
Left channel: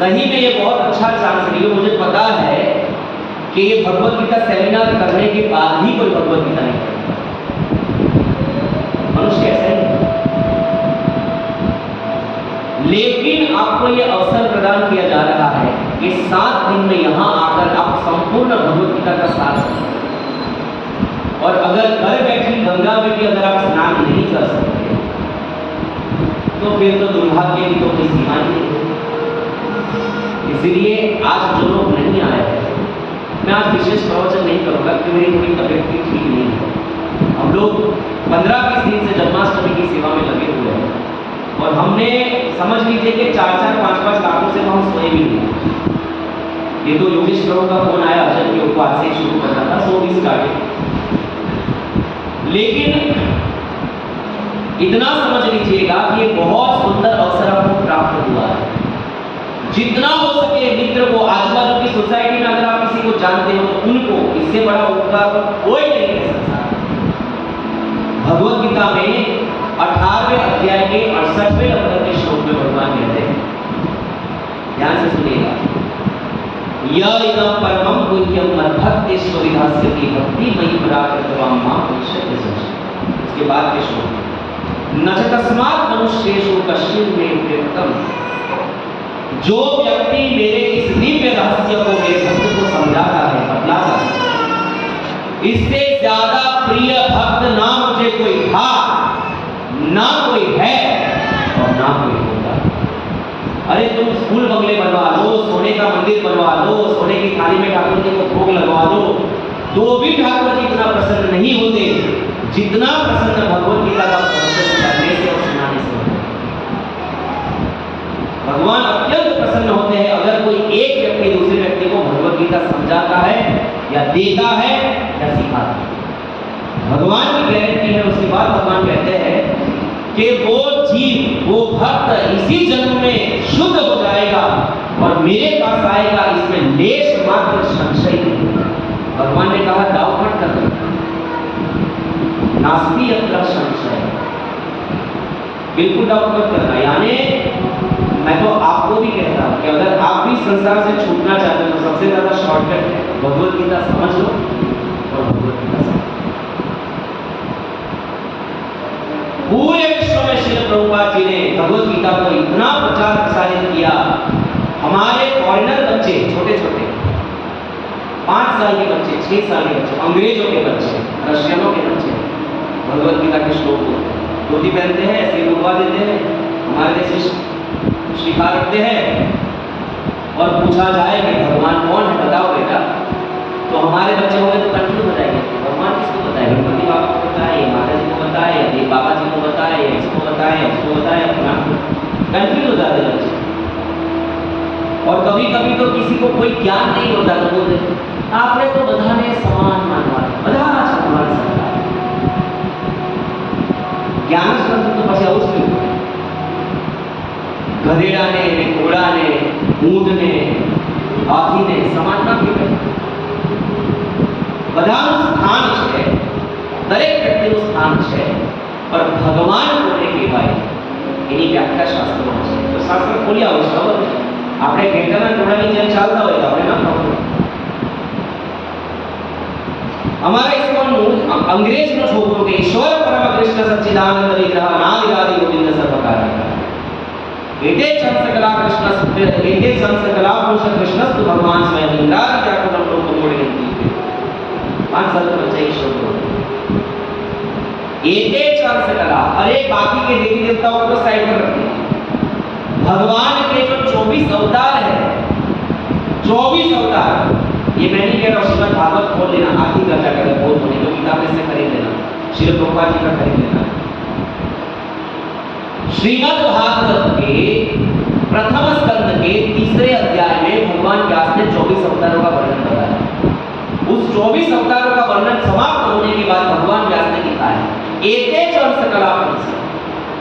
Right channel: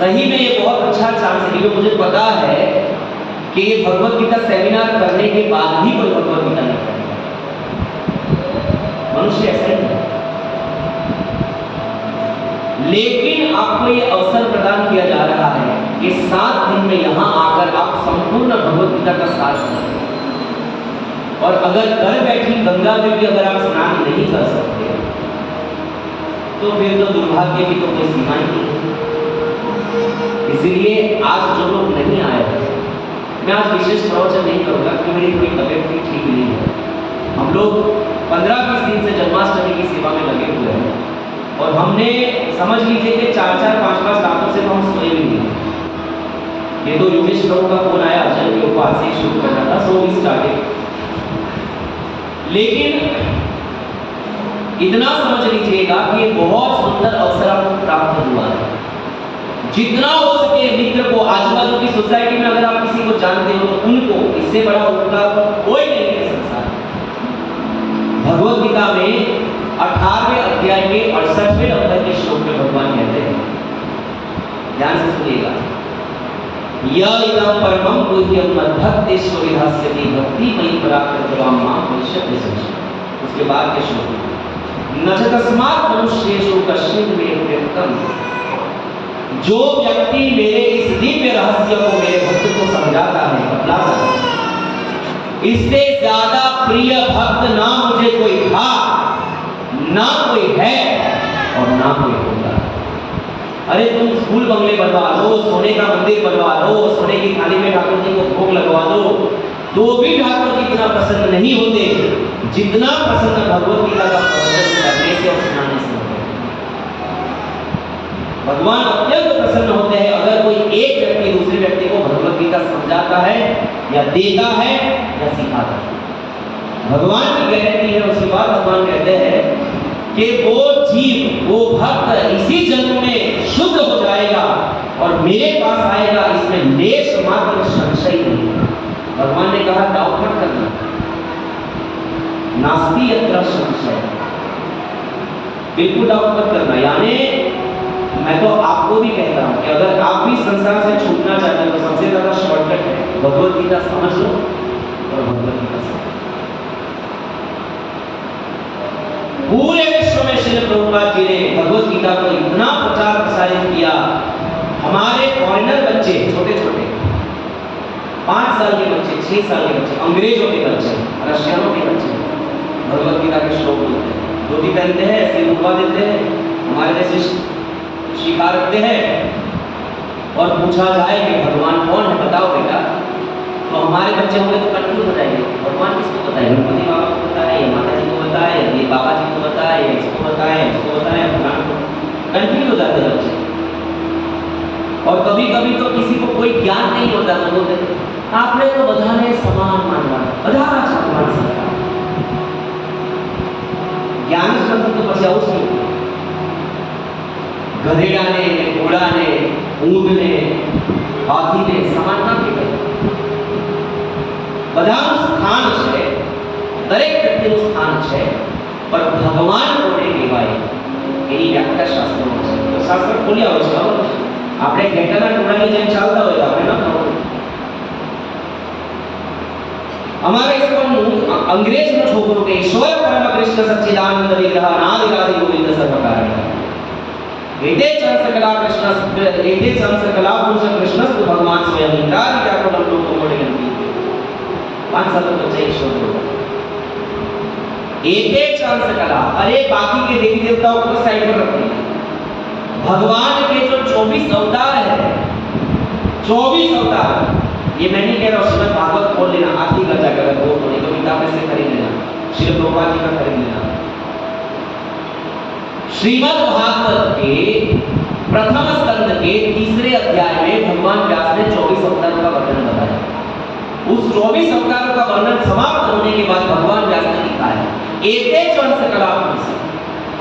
सही में ये बहुत अच्छा चांस है, मुझे पता है कि ये भगवत गीता सेमिनार करने के बाद भी कोई भगवत गीता नहीं पढ़ेगा। मनुष्य ऐसा ही है। लेकिन आपको ये अवसर प्रदान किया जा रहा है कि 7 दिन में यहां आकर आप संपूर्ण भगवत गीता का सार समझें। और अगर घर बैठी गंगा में भी अगर आप स्नान नहीं कर सकते तो फिर तो दुर्भाग्य की तो कोई सीमा ही नहीं है। इसीलिए आज जो लोग नहीं आए, मैं आज विशेष प्रवचन नहीं करूंगा क्योंकि मेरी कोई तबियत भी ठीक नहीं है। हम लोग 15-20 दिन से जन्माष्टमी की सेवा में लगे हुए हैं और हमने समझ लीजिए कि 4-4, 5-5 रातों से तो हम सोए भी नहीं। ये तो योगेश प्रभु का फोन आया अचानक कि उपवास से शुरू करना था, सो वी स्टार्टेड। लेकिन इतना समझ लीजिएगा कि ये बहुत सुंदर अवसर आपको प्राप्त हुआ है। जितना हो सके मित्र को, आजू बाजू की सोसाइटी में अगर आप किसी को जानते हो तो उनको, इससे बड़ा उपकार कोई नहीं है संसार। भगवत गीता में 18वें अध्याय के 68वें नंबर के श्लोक में भगवान कहते हैं, ध्यान से सुनिएगा, यदिदं परमं गुह्यं मद्भक्तेषु विधास्यति भक्ति मयि पराकृतवां मां पश्यति संशय। उसके बाद के श्लोक, न च तस्मात् मनुष्येषु कश्चित् मे प्रियतम। जो व्यक्ति मेरे इस दिव्य रहस्य को, मेरे भक्त को समझाता है, बतलाता है, इससे ज्यादा प्रिय भक्त ना मुझे कोई था, ना कोई है और ना कोई होगा। अरे तुम स्कूल बंगले बनवा लो, सोने का मंदिर बनवा लो, सोने की थाली में ठाकुर जी को भोग लगवा दो, तो भी ठाकुर जी इतना प्रसन्न नहीं होते जितना प्रसन्न भगवत गीता का प्रवचन करने से और सुनाने से होते हैं। भगवान अत्यंत प्रसन्न होते हैं अगर कोई एक व्यक्ति दूसरे व्यक्ति को भगवत गीता समझाता है या देता है या सिखाता है। भगवान की गारंटी है। उसके बाद भगवान कहते हैं कि वो जीव, वो भक्त इसी जन्म में शुद्ध हो जाएगा और मेरे पास आएगा, इसमें लेश मात्र संशय नहीं। भगवान ने कहा डाउट मत करना, नास्ति यत्र संशय, बिल्कुल डाउट मत करना। यानी मैं तो आपको भी कहता हूं कि अगर आप भी संसार से छूटना चाहते हो तो सबसे ज्यादा शॉर्टकट है भगवत गीता समझ लो और भगवत गीता समझ। पूरे विश्व में श्रील प्रभुपाद जी ने भगवत गीता को इतना प्रचार प्रसारित किया। हमारे फॉरेनर बच्चे, छोटे छोटे 5 साल के बच्चे, 6 साल के बच्चे, अंग्रेजों के बच्चे, रशियनों के बच्चे भगवत गीता के श्लोक बोलते हैं, धोती पहनते हैं, ऐसे रुकवा देते हैं, हमारे जैसे शिखा रखते हैं और पूछा जाए कि भगवान कौन है बताओ बेटा, तो हमारे बच्चे होंगे तो कंफ्यूज हो जाएंगे, भगवान किसको बताए, गणपति बाबा को बताए या माता जी को बताए या ये बाबा जी को बताए या इसको बताए या इसको बताए या फलान को, कंफ्यूज हो जाते हैं बच्चे। और कभी कभी तो किसी को कोई ज्ञान नहीं होता तो बोलते आपने तो बधाने समान मानवा, बधा समान सकता ज्ञान तो પછી આવું જ નહીં। ગધેડાને, ઘોડાને, ઊંટને, હાથીને સમાન નથી કર્યું। બધાનું સ્થાન છે, દરેક વ્યક્તિનું સ્થાન છે, પણ ભગવાન કોને કહેવાય એની વ્યાખ્યા શાસ્ત્રોમાં છે। તો શાસ્ત્ર ખોલી આવો છે, ખબર છે? આપણે ઘેટાના ટોળાની જેમ ચાલતા હોય તો આપણે ના ખબર। हमारे इसको अंग्रेज नो छोकरो के ईश्वर परम कृष्ण सच्चिदानंद विग्रह अनादिरादि गोविंद सर्वकारण एते चंद्रकला कृष्ण एते चंद्रकला पुरुष कृष्णस्तु भगवान स्वयं इंद्रादि व्याकुलं लोकं मोडयन्ति। 5 साल का बच्चा ईश्वर एते चंद्रकला, अरे बाकी के देवी देवताओं को साइड पर रखिए, भगवान के जो 24 अवतार है, 24 अवतार, ये मैं नहीं कह रहा हूँ, श्रीमद् भागवत खोल लेना, आखिरी का जाकर बोल तो नहीं तो किताब में से खरीद लेना, श्रील प्रभुपाद जी का खरीद लेना। श्रीमद् भागवत के प्रथम स्कंद के 3रे अध्याय में भगवान व्यास ने 24 अवतारों का वर्णन बताया। उस 24 अवतारों का वर्णन समाप्त होने के बाद भगवान व्यास ने लिखा है एते सकला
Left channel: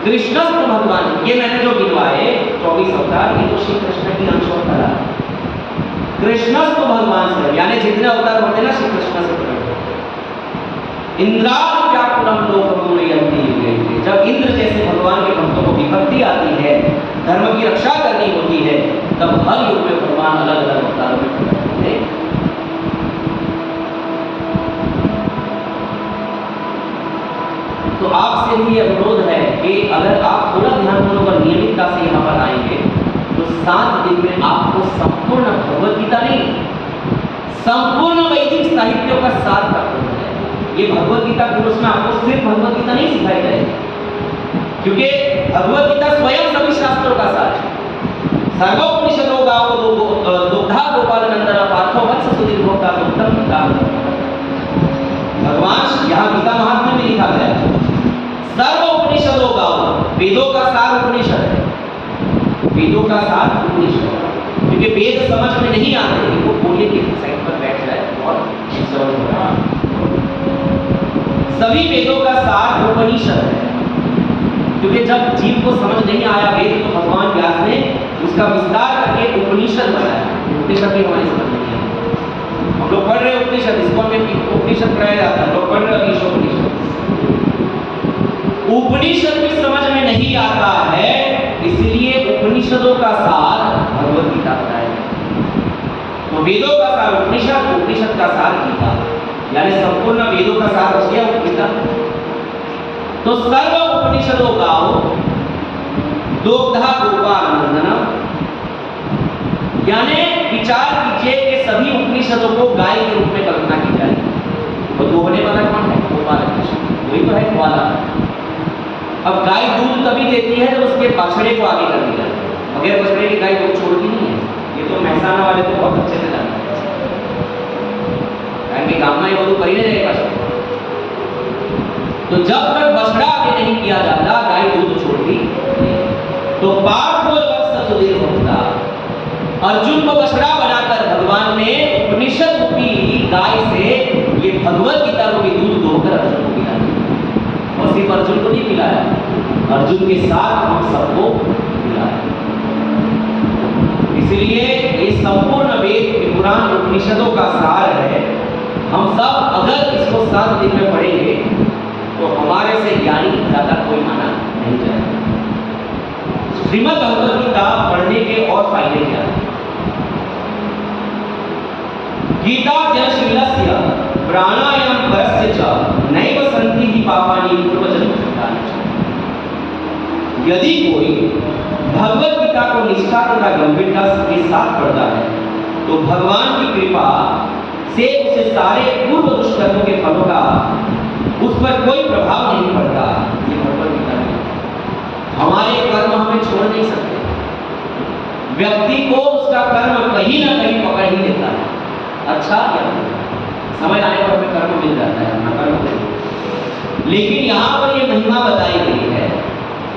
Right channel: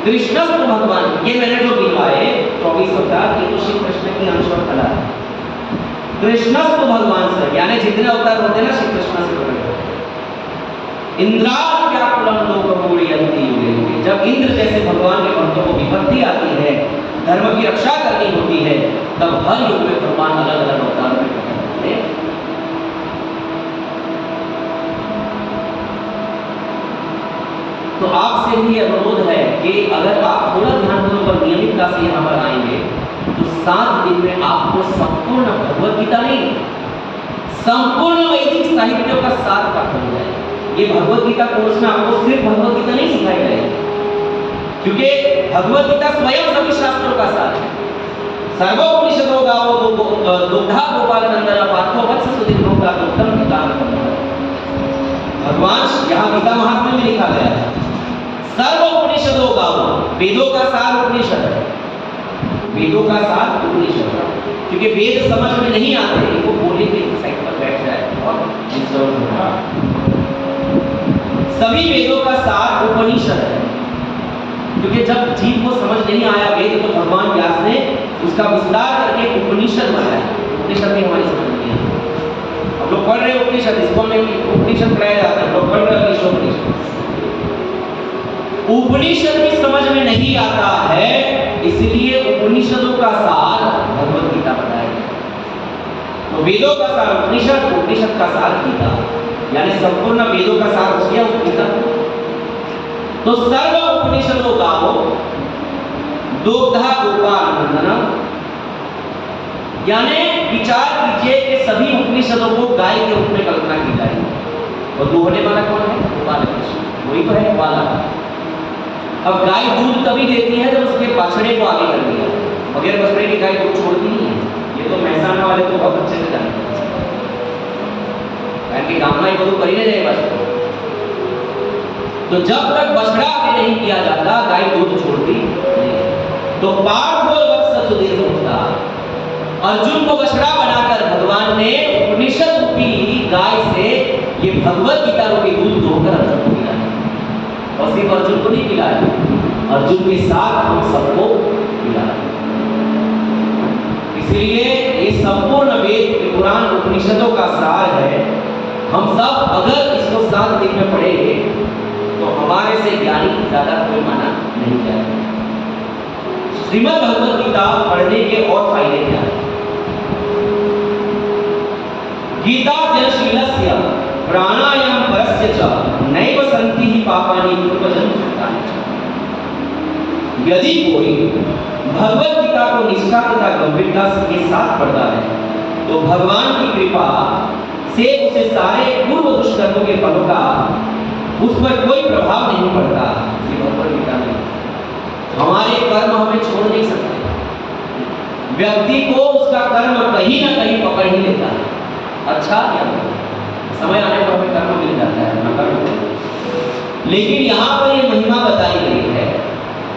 कृष्णस्तु भगवान। ये मैंने जो गिनवाए 24 अवतार, ये तो श्री कृष्ण की अंश और कला है। कृष्णस्तु भगवान से, यानी जितने अवतार होते हैं ना श्री कृष्ण से प्रकट होते हैं। इंद्रादि व्याकुलं लोकं मोडयन्ति युगे युगे। जब इंद्र जैसे भगवान के भक्तों को विपत्ति आती है, धर्म की रक्षा करनी होती है, तब हर युग में भगवान अलग अलग अवतारों में प्रकट होते हैं। तो आपसे भी अनुरोध है कि अगर आप थोड़ा ध्यानपूर्वक और नियमितता से यहाँ पर आएंगे तो 7 दिन में आपको संपूर्ण भगवत गीता नहीं, संपूर्ण वैदिक साहित्यों का सार प्राप्त हो जाएगा। ये भगवत गीता कोर्स में आपको सिर्फ भगवत गीता नहीं सिखाई जाएगी, क्योंकि भगवत गीता स्वयं सभी शास्त्रों का सार है। सर्वोपनिषदो गावो दुग्धा गोपालनंदन पार्थो वत्स सुदीर्घोक्ता उत्तम गीता। भगवान यहाँ गीता महात्म्य में लिखा गया है सर्वोपनिषदो गावो, वेदों का सार उपनिषद है, वेदों का सार उपनिषद है। क्योंकि वेद समझ में नहीं आते, इनको बोलने के साइड पर बैठ जाए और सभी वेदों का सार उपनिषद है। क्योंकि जब जीव को समझ नहीं आया वेद, तो भगवान व्यास ने उसका विस्तार करके पढ़ रहे उपनिषद, इसको हमें उपनिषद पढ़ाया जाता है, लोग पढ़ रहे ईशोपनिषद। उपनिषद भी समझ में नहीं आता है, इसलिए उपनिषदों का सार भगवत गीता बताया गया। तो वेदों का सार उपनिषद, उपनिषद का सार गीता, यानी संपूर्ण वेदों का सार हो गया गीता। तो सर्व उपनिषदों गावो दुग्धा गोपानंदनम, यानी विचार कीजिए कि सभी उपनिषदों को गाय के रूप में कल्पना की जाए। तो दोहने वाला कौन है? गोपाल कृष्ण, वही तो है ग्वाला। अब गाय दूध तभी देती है जब उसके बछड़े को आगे कर दिया जाए, बगैर बछड़े की गाय दूध छोड़ती नहीं है। ये तो महसाना वाले तो बहुत अच्छे से जानते हैं, કારણ કે ગામમાં એ બધું કરીને જાય પાછું। तो जब तक बछड़ा आगे नहीं किया जाता गाय दूध छोड़ती नहीं। तो पार्थ और वत्स सुधीर होता, अर्जुन को बछड़ा बनाकर भगवान ने उपनिषद रूपी गाय से ये भगवत गीता रूपी दूध दोहकर अर्जुन को पिलाया, और सिर्फ अर्जुन को नहीं पिलाया, अर्जुन के साथ हम सबको पिलाया। इसलिए ये संपूर्ण वेद पुराण उपनिषदों का सार है। हम सब अगर इसको 7 दिन में पढ़ेंगे तो हमारे से ज्ञानी ज्यादा कोई माना नहीं जाएगा। श्रीमद् भगवत गीता पढ़ने के और फायदे क्या हैं? गीताध्ययनशीलस्य प्राणायाम परस्य च नैव सन्ति हि पापानि पूर्वजन्म कृतानि च। यदि कोई भगवत गीता को निष्ठा तथा गंभीरता के साथ पढ़ता है तो भगवान की कृपा से उसे सारे पूर्व दुष्कर्मों के फलों का उस पर कोई प्रभाव नहीं पड़ता। ये भगवत गीता में हमारे कर्म हमें छोड़ नहीं सकते। व्यक्ति को उसका कर्म कहीं ना कहीं पकड़ ही लेता है, अच्छा या समय आने पर हमें कर्म मिल जाता है, अपना कर्म करें। लेकिन यहाँ पर ये महिमा बताई गई है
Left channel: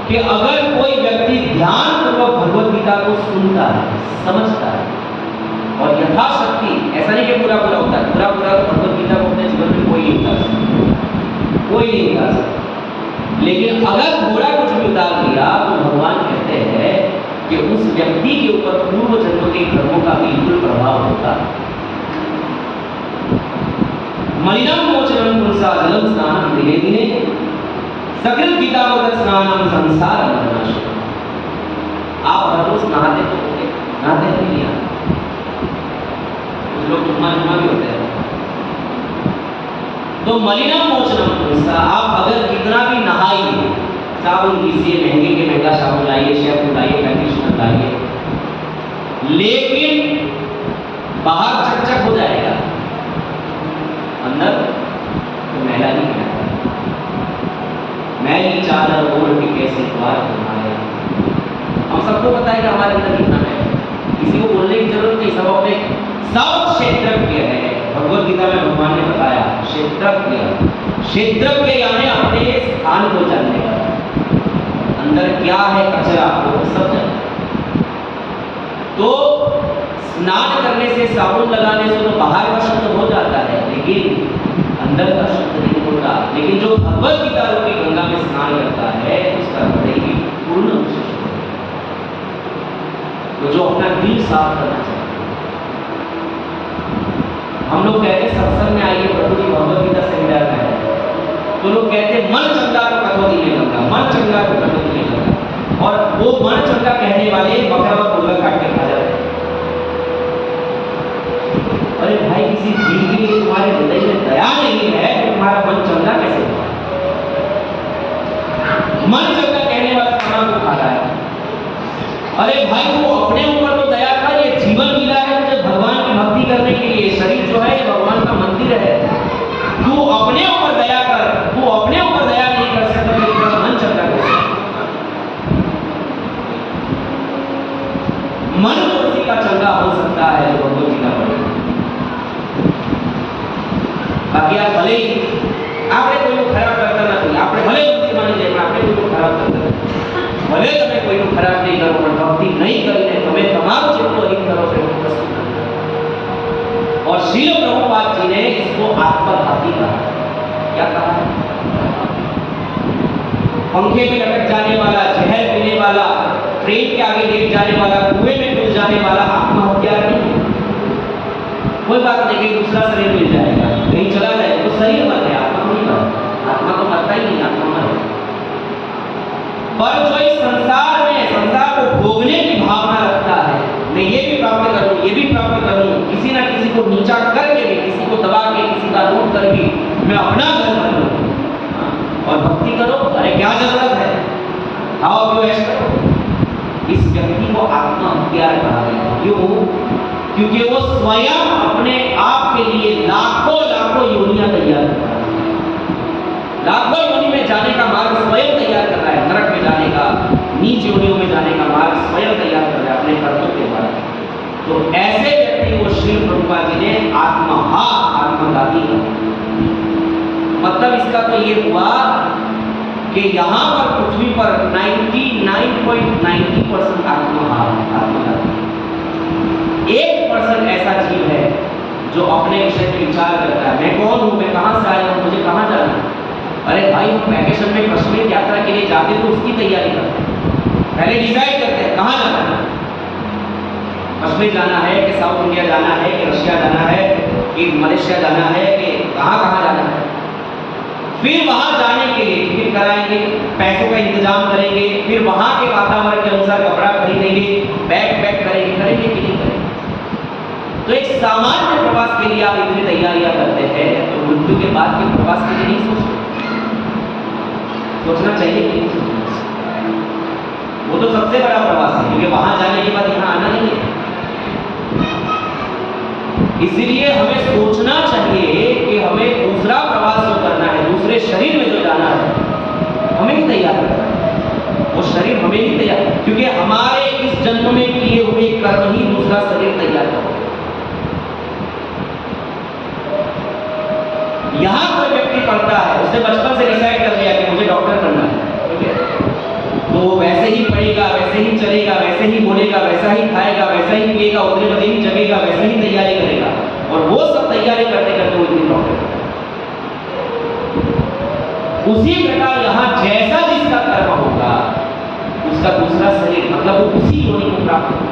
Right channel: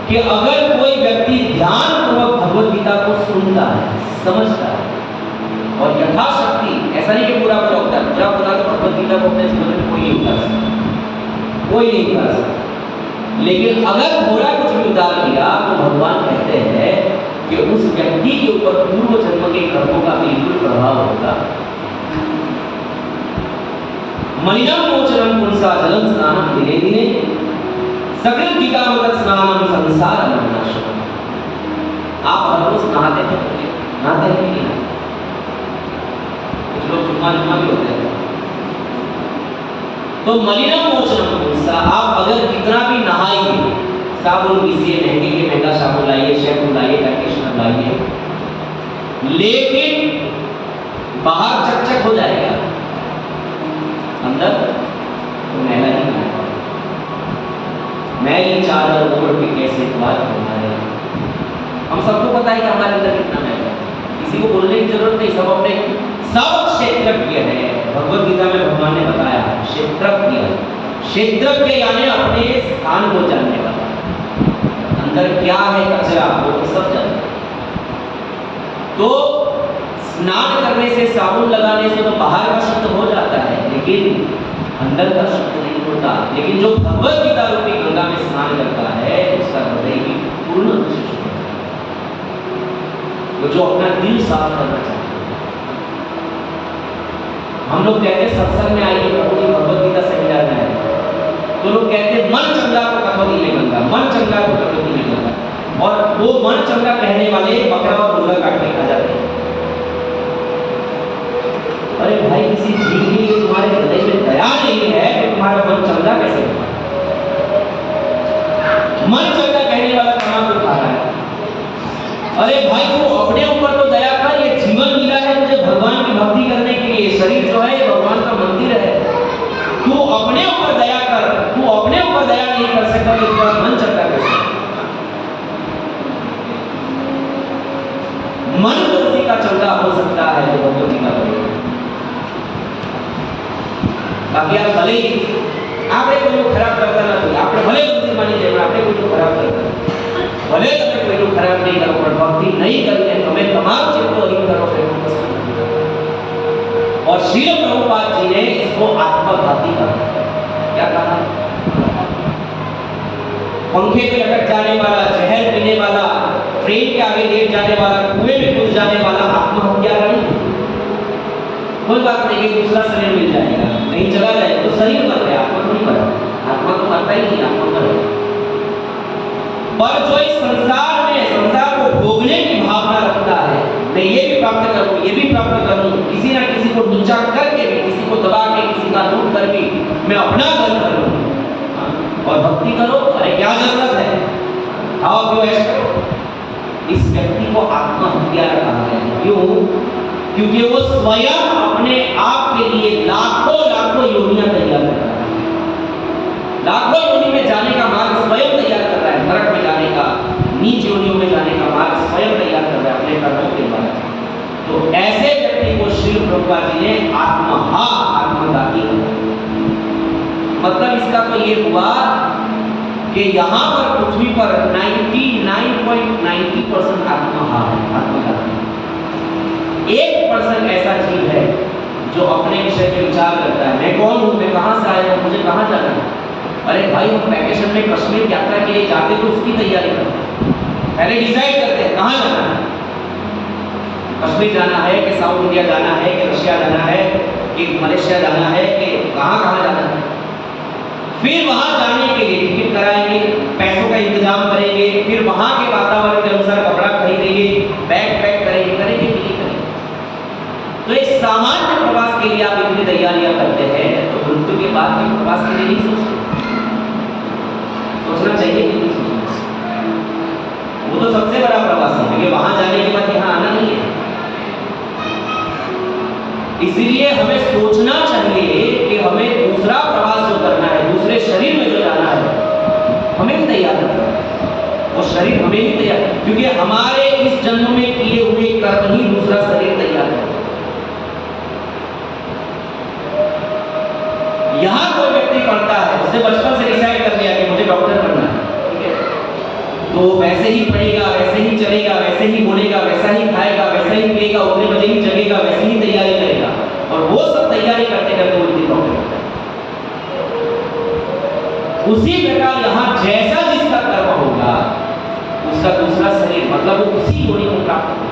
कि अगर कोई व्यक्ति ध्यानपूर्वक भगवत गीता को सुनता है, समझता है और यथाशक्ति, ऐसा नहीं कि पूरा पूरा होता है, पूरा पूरा तो भगवत गीता को अपने जीवन में कोई नहीं उतार सकता, कोई नहीं उतार सकता। लेकिन अगर थोड़ा कुछ भी उतार दिया तो भगवान कहते हैं कि उस व्यक्ति के ऊपर पूर्व जन्म के कर्मों का बिल्कुल प्रभाव होगा। मलिनम मोचनम पुंसा जलम स्नानम दिने दिने सकृत गीतामृत स्नानम संसार मरनाशम। आप हर रोज नहाते तो होंगे, नहाते नहीं आते, कुछ लोग जुम्मा भी होते हैं। तो मलिनम मोचनम पुंसा, आप अगर कितना भी नहाइए, साबुन पीसिए, महंगे के महंगा साबुन लाइए, शैम्पू लाइए, कंडीशनर लाइए, लेकिन बाहर चकचक हो जाएगा, अंदर तो मैला ही आएगा। मैली चादर ओढ़ के कैसे द्वार बनाया। हम सबको पता है कि हमारे अंदर कितना मैल है, किसी को बोलने की जरूरत नहीं, सब अपने सब क्षेत्रज्ञ है। भगवत गीता में भगवान ने बताया क्षेत्रज्ञ, क्षेत्रज्ञ यानी अपने स्थान को जानने वाला, अंदर क्या है कचरा वो सब जानता। तो स्नान करने से, साबुन लगाने से तो बाहर का शुद्ध हो जाता है, लेकिन अंदर का शुद्ध नहीं होता। लेकिन जो भगवत गीता रूपी गंगा में स्नान करता है उसका हृदय भी पूर्ण शुद्ध होता है। तो जो अपना दिल साफ करना चाहता है, हम लोग कहते हैं सत्संग में आइए प्रभु जी भगवत गीता सही जाता है, तो लोग कहते हैं मन चंगा को कटौती नहीं गंगा, मन चंगा को कटौती नहीं गंगा, और वो मन चंगा कहने वाले बकरा और मुर्गा काट के खा जाते हैं। अरे भाई, किसी जीव के लिए तुम्हारे हृदय में दया नहीं है तो तुम्हारा मन चंगा कैसे होगा? मन चंगा कहने वाला खाना को खा रहा है। अरे भाई, तू अपने ऊपर तो दया कर, ये जीवन मिला है तुझे भगवान की भक्ति करने के लिए, शरीर जो है ये भगवान का मंदिर है, तू अपने ऊपर दया कर। तू अपने ऊपर दया नहीं कर सकता तो तेरा मन चंगा कैसे? मन किसी का चंगा हो सकता है तो भगवत गीता पढ़ेगा। बाकी आप भले ही આપણે કોઈનું ખરાબ કરતા નથી, આપણે ભલે ભક્તિ માની જાય પણ આપણે કોઈનું ખરાબ કરતા નથી, ભલે તમે કોઈનું ખરાબ નહીં કરો પણ ભક્તિ નહીં કરીને તમે તમારું જેટલું અહિત કરો છો એટલું કશું નથી। और श्रील प्रभुपाद जी ने इसको आत्मघाती कहा। क्या कहा है? पंखे पे लटक जाने वाला, जहर पीने वाला, ट्रेन के आगे लेट जाने वाला, कुएं में कूद जाने वाला आत्महत्या नहीं। कोई बात नहीं, कहीं दूसरा शरीर मिल जाएगा, कहीं चला जाएगा, तो शरीर मर गया, आत्मा नहीं मरा। आत्मा तो मरता ही नहीं, आत्मा मर गया। पर जो इस संसार को भोगने की भावना रखता है, मैं ये भी प्राप्त करूं, ये भी प्राप्त करूं, किसी ना किसी को नीचा करके भी, किसी को दबा के, किसी का लूट कर भी मैं अपना घर कर लूं, और भक्ति करो, अरे क्या जरूरत है, आओ क्यों ऐश करो। इस व्यक्ति को आत्महत्या कहा गया। क्यों? क्योंकि वो स्वयं अपने आप के लिए लाखों योनियां तैयार कर रहा है, लाखों योनि में जाने का मार्ग स्वयं तैयार कर रहा है, नरक में जाने का, नीच योनियों में जाने का मार्ग स्वयं तैयार कर रहा है अपने कर्मों के द्वारा। तो ऐसे व्यक्ति को श्री प्रभुपाद जी ने आत्मघाती कहा। मतलब इसका तो ये हुआ कि यहाँ पर पृथ्वी पर 99.90% आत्मघाती, 1% ऐसा जीव है जो अपने विषय में विचार करता है, मैं कौन हूँ, मैं कहाँ से आया हूँ, मुझे कहाँ जाना है। अरे भाई, हम वैकेशन में कश्मीर यात्रा के लिए जाते तो उसकी तैयारी करते हैं, पहले डिसाइड करते हैं कहाँ जाना है, कश्मीर जाना है कि साउथ इंडिया जाना है कि रशिया जाना है कि मलेशिया जाना है कि कहाँ जाना है। फिर वहां जाने के लिए टिकट कराएंगे, पैसों का इंतजाम करेंगे, फिर वहां के वातावरण के अनुसार कपड़ा खरीदेंगे, बैग पैक करेंगे कि नहीं करेंगे। तो एक सामान्य प्रवास के लिए आप इतनी तैयारियां करते हैं, तो मृत्यु के बाद के प्रवास के लिए नहीं सोचते, सोचना चाहिए कि नहीं सोचना। वो तो सबसे बड़ा प्रवास है, क्योंकि वहां जाने के बाद यहाँ आना नहीं है। इसलिए हमें सोचना चाहिए कि हमें दूसरा प्रवास जो करना है, दूसरे शरीर में जो जाना है, हमें ही तैयार करना है, वो शरीर हमें ही तैयार, क्योंकि हमारे इस जन्म में किए हुए कर्म ही दूसरा शरीर तैयार करता है। यहां कोई व्यक्ति पढ़ता है, उसने बचपन से डिसाइड कर लिया कि मुझे डॉक्टर बनना है, ठीक है, तो वो वैसे ही पढ़ेगा, वैसे ही चलेगा, वैसे ही बोलेगा, वैसा ही खाएगा, वैसा ही पिएगा, उतने बजे ही जगेगा, वैसे ही तैयारी करेगा, और वो सब तैयारी करते करते वो इतनी डॉक्टर बनता है। उसी प्रकार यहाँ जैसा जिसका कर्म होगा, उसका दूसरा शरीर, मतलब वो उसी योनि को प्राप्त होगा।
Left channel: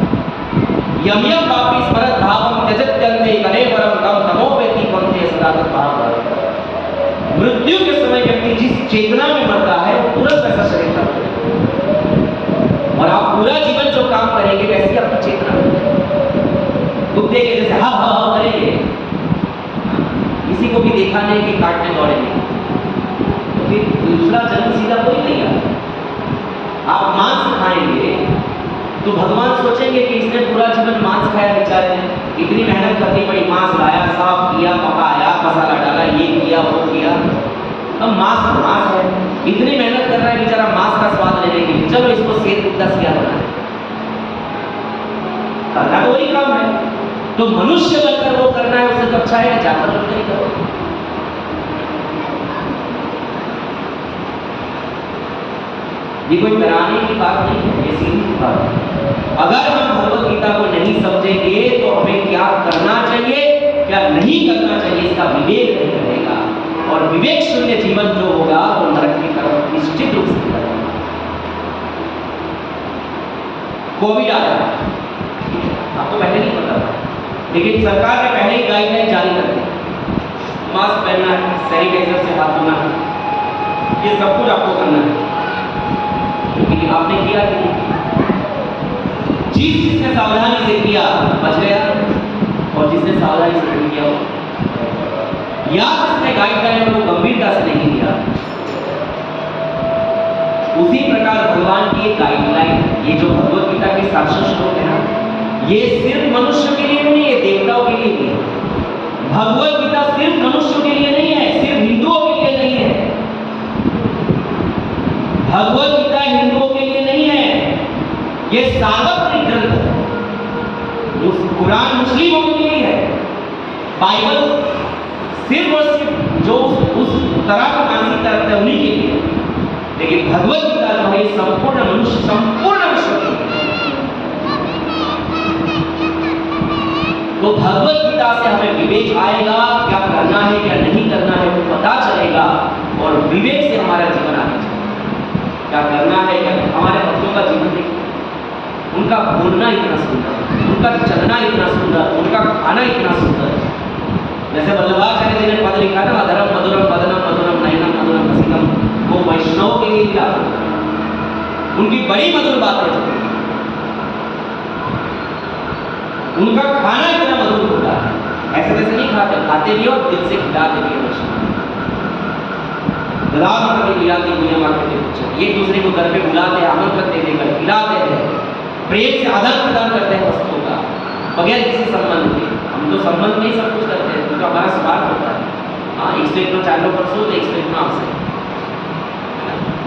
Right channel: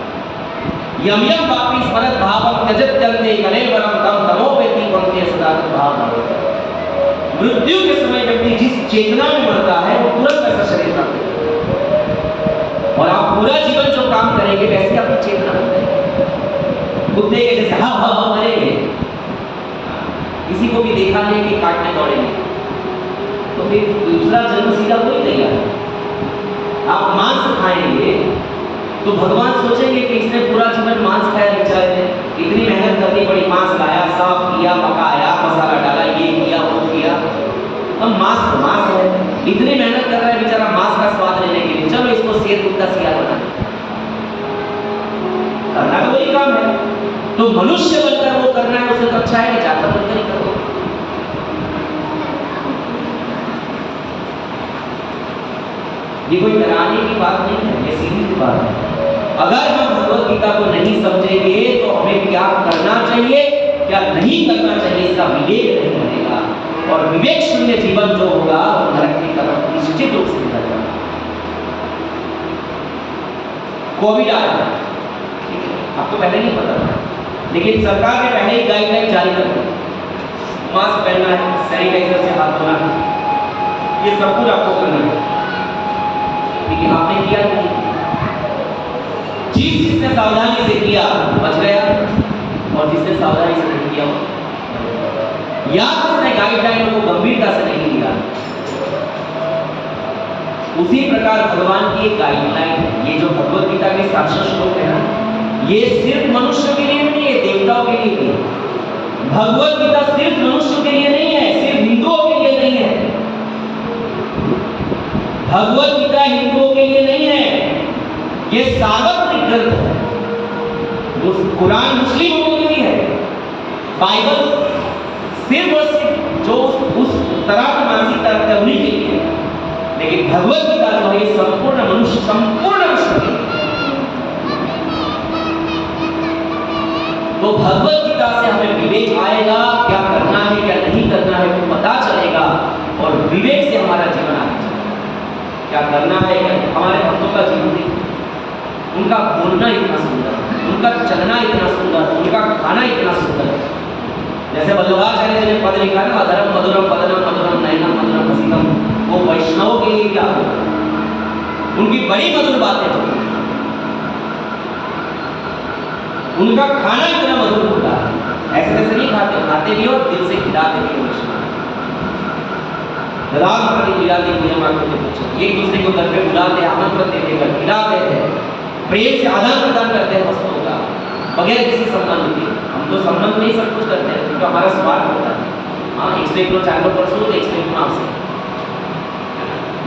यम यम वापि स्मरत भावम त्यजत्यन्ते कलेवरम तम तमो वेति पंते सदा भाव। मृत्यु के समय व्यक्ति जिस चेतना में मरता है, वो तुरंत वैसा शरीर प्राप्त करेगा, और आप पूरा जीवन जो काम करेंगे वैसे आपकी चेतना बन जाएगी। कुत्ते के जैसे हाँ हाँ हाँ करेंगे, किसी को भी देखा नहीं कि काटने दौड़ेंगे, तो फिर दूसरा जन्म सीधा वही तैयार है। आप मांस खाएंगे तो भगवान सोचेंगे कि इसने पूरा जीवन मांस खाया, बेचारे ने इतनी मेहनत करनी पड़ी, मांस लाया, साफ किया, पकाया, मसाला डाला, ये किया वो किया, अब मांस है, इतनी मेहनत कर रहा है बेचारा मांस का स्वाद लेने के लिए, चलो इसको सेर कुत्ता सियार बना दे, करना तो वही काम है। तो मनुष्य बनकर वो करना है, उससे तो अच्छा है कि जानवर बनकर ही करो। ये कोई डराने की बात नहीं है, ये सीधी सी बात है। अगर हम भगवत गीता को नहीं समझेंगे तो हमें क्या करना चाहिए, क्या नहीं करना चाहिए, इसका विवेक नहीं रहेगा, और विवेक शून्य जीवन जो होगा वो नरक की तरफ निश्चित रूप से जाएगा। कोविड आया, आपको पहले नहीं पता था, लेकिन सरकार ने पहले ही गाइडलाइन जारी कर दी, मास्क पहनना है, सैनिटाइजर से हाथ धोना है, ये सब कुछ आपको करना है। लेकिन आपने किया कि नहीं? जिसने सावधानी से किया बच गया, और जिसने सावधानी से नहीं किया, या जिसने गाइडलाइन को गंभीरता से नहीं लिया, उसी प्रकार भगवान की ये गाइडलाइन, ये जो भगवत गीता के 700 श्लोक है ना, ये सिर्फ मनुष्य के लिए नहीं है, देवताओं के लिए भी है। भगवत गीता सिर्फ मनुष्य के लिए नहीं है, सिर्फ हिंदुओं के लिए नहीं है। भगवत गीता हिंदुओं के लिए नहीं है, ये सार्वत्रिक ग्रंथ है। कुरान मुस्लिमों के लिए है, बाइबल सिर्फ और सिर्फ जो उस तरह का मानसिकता रखते हैं उन्हीं के लिए, लेकिन भगवत गीता जो है ये संपूर्ण मनुष्य, संपूर्ण विश्व के लिए। तो भगवत गीता से हमें विवेक आएगा, क्या करना है क्या नहीं करना है वो पता चलेगा, और विवेक से हमारा जीवन आगे चलेगा। क्या करना है, क्या हमारे भक्तों का जीवन देखिए, उनका बोलना इतना सुंदर, उनका चलना इतना सुंदर, उनका खाना इतना सुंदर, जैसे वल्लभाचार्य जी ने पद लिखा ना, अधरम मधुरम वदनम मधुरम नयनम मधुरम रसिकम, वो वैष्णव के लिए क्या था, उनकी बड़ी मधुर बातें थी, उनका खाना इतना मधुर होता है, ऐसे वैसे नहीं खाते, खाते भी और दिल से खिलाते भी वैष्णव। राम प्रति मिलाते पूजा मांगते थे, एक दूसरे को घर पे बुलाते, आमंत्रण देते, घर खिलाते थे, प्रेम से आदान प्रदान करते हैं वस्तुओं का बगैर किसी संबंध के। हम तो संबंध नहीं सब कुछ करते हैं क्योंकि हमारा स्वार्थ होता है। हाँ 101 નો ચાલો કરશો તો 101 નો આવશે,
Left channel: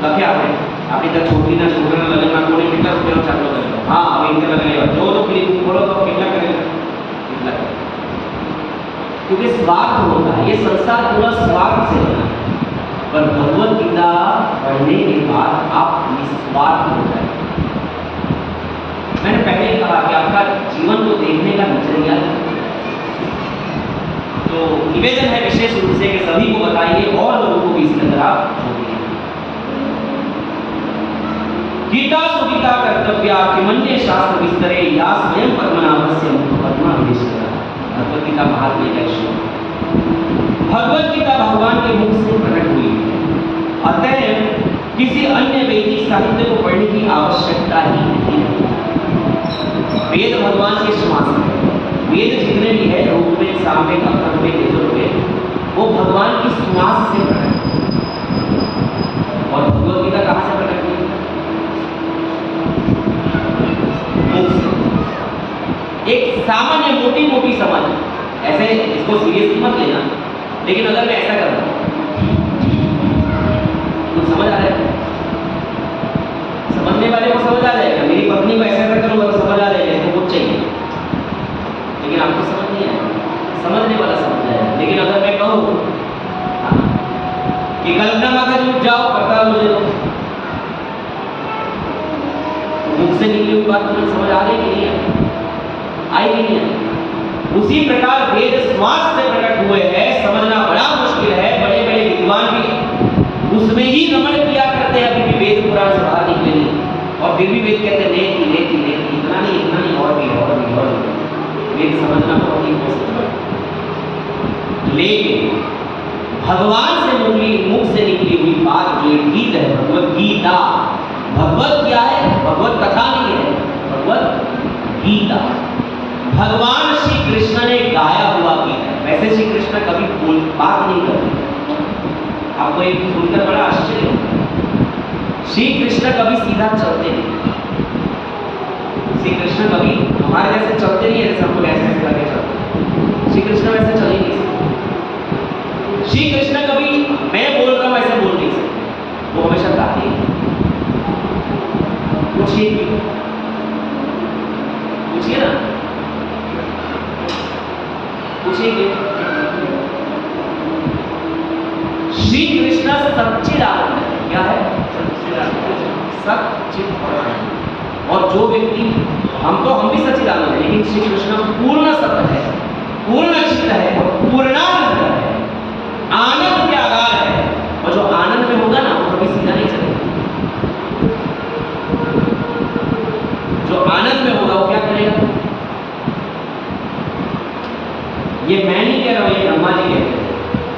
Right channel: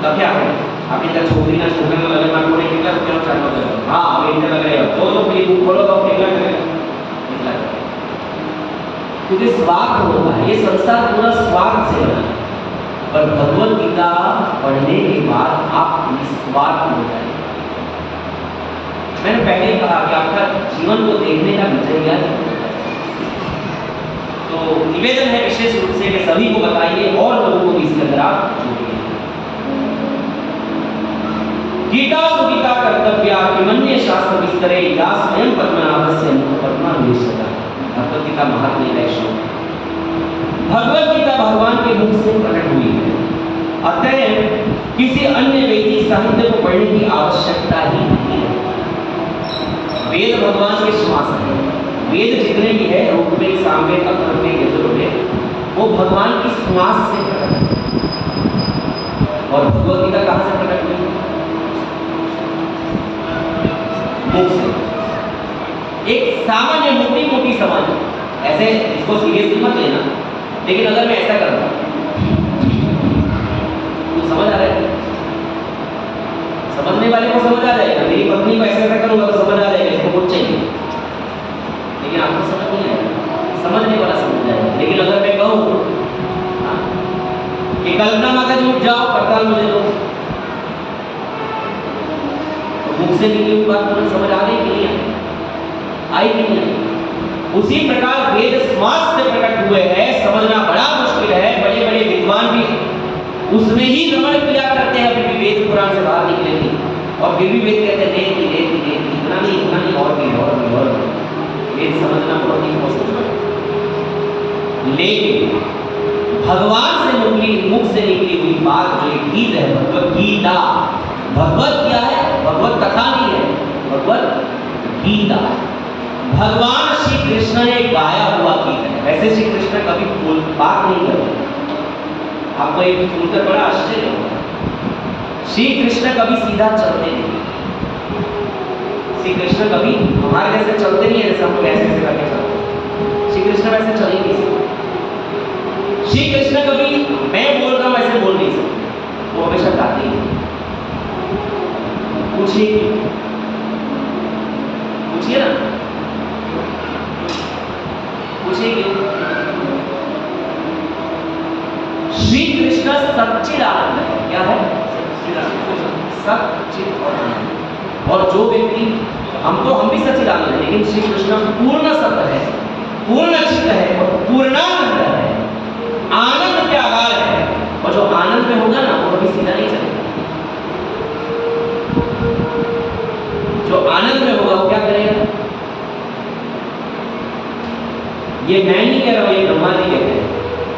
લખ્યા આપણે આપણી ત્યાં છોકરીના છોકરાના લગ્નમાં કોને કેટલા રૂપિયાનો ચાલો કર્યો, હા હવે એટલે લગ્ન જો તો પેલી બુક ખોલો તો કેટલા કરેगा કેટલા, क्योंकि स्वार्थ होता है, ये संसार पूरा स्वार्थ से बना है। पर भगवत गीता पढ़ने के बाद आप निस्वार्थ हो जाए। मैंने पहले कहा कि आपका जीवन को देखने का नजरिया, तो निवेदन है विशेष रूप से कि सभी को बताइए और लोगों को भी इसके अंदर आप जोड़िए। गीता सुगीता कर्तव्या किमन्य शास्त्र विस्तरे या स्वयं पद्मनाभस्य मुख पद्मा विशेषता। भगवत गीता महात्म्य का श्लोक। भगवत गीता भगवान के मुख से प्रकट हुई है, अतः किसी अन्य वैदिक साहित्य को पढ़ने की आवश्यकता ही नहीं है। वेद भगवान के श्वास है, वेद जितने भी है ऋग्वेद, सामवेद, अथर्ववेद, यजुर्वेद, वो भगवान की श्वास से प्रकट है। और भगवत गीता कहाँ से प्रकट हुई? मुख से। एक सामान्य मोटी मोटी समझ, ऐसे इसको सीरियसली मत लेना, लेकिन अगर मैं ऐसा करता हूं तो समझ आ रहा है, समझने वाले को समझ आ जाएगा। मेरी पत्नी को ऐसा करूंगा तो समझ आ जाएगा, इसको कुछ चाहिए, लेकिन आपको समझ नहीं आएगा, समझने वाला समझ जाएगा। लेकिन अगर मैं कहूं कि कल्पना मांगा उठ जाओ पड़ताल मुझे दो, तो मुख से निकली हुई बात तुरंत समझ आ गई कि नहीं आई नहीं आई। उसी प्रकार वेद श्वास से प्रकट हुए हैं, समझना बड़ा मुश्किल है। बड़े बड़े विद्वान भी उसमें ही रमण किया करते हैं, अभी भी वेद पुराण से बाहर निकले नहीं, और फिर भी वेद कहते हैं लेती लेती लेती, इतना नहीं और भी वेद समझना बहुत ही पॉसिबल है। लेकिन भगवान से मुख से निकली हुई बात जो एक गीत है, भगवत गीता, भगवत क्या है? भगवत कथा नहीं है, भगवत गीता भगवान श्री कृष्ण ने गाया हुआ गीत है। वैसे श्री कृष्ण कभी बात नहीं करते, आपको एक सुनकर बड़ा आश्चर्य होगा, श्री कृष्ण कभी सीधा चलते नहीं। श्री कृष्ण कभी हमारे जैसे चलते नहीं है, जैसे हम लोग ऐसे ऐसे करके चलते, श्री कृष्ण वैसे चल ही नहीं सकते। श्री कृष्ण कभी मैं बोल रहा हूं ऐसे बोल नहीं सकते, वो हमेशा गाते हैं। पूछिए ना, पूछिए श्री कृष्ण सच्चिदानंद है। क्या है? सच्चिदानंद। और जो व्यक्ति हम भी सच्चिदानंद है, लेकिन श्री कृष्ण पूर्ण सत्य है, पूर्ण चित्त है और पूर्णानंद है, आनंद के आधार है। और जो आनंद में होगा ना वो कभी सीधा नहीं चलेगा। जो आनंद में होगा वो क्या करेगा? ये मैं नहीं कह रहा हूं, ये ब्रह्मा जी कहते हैं।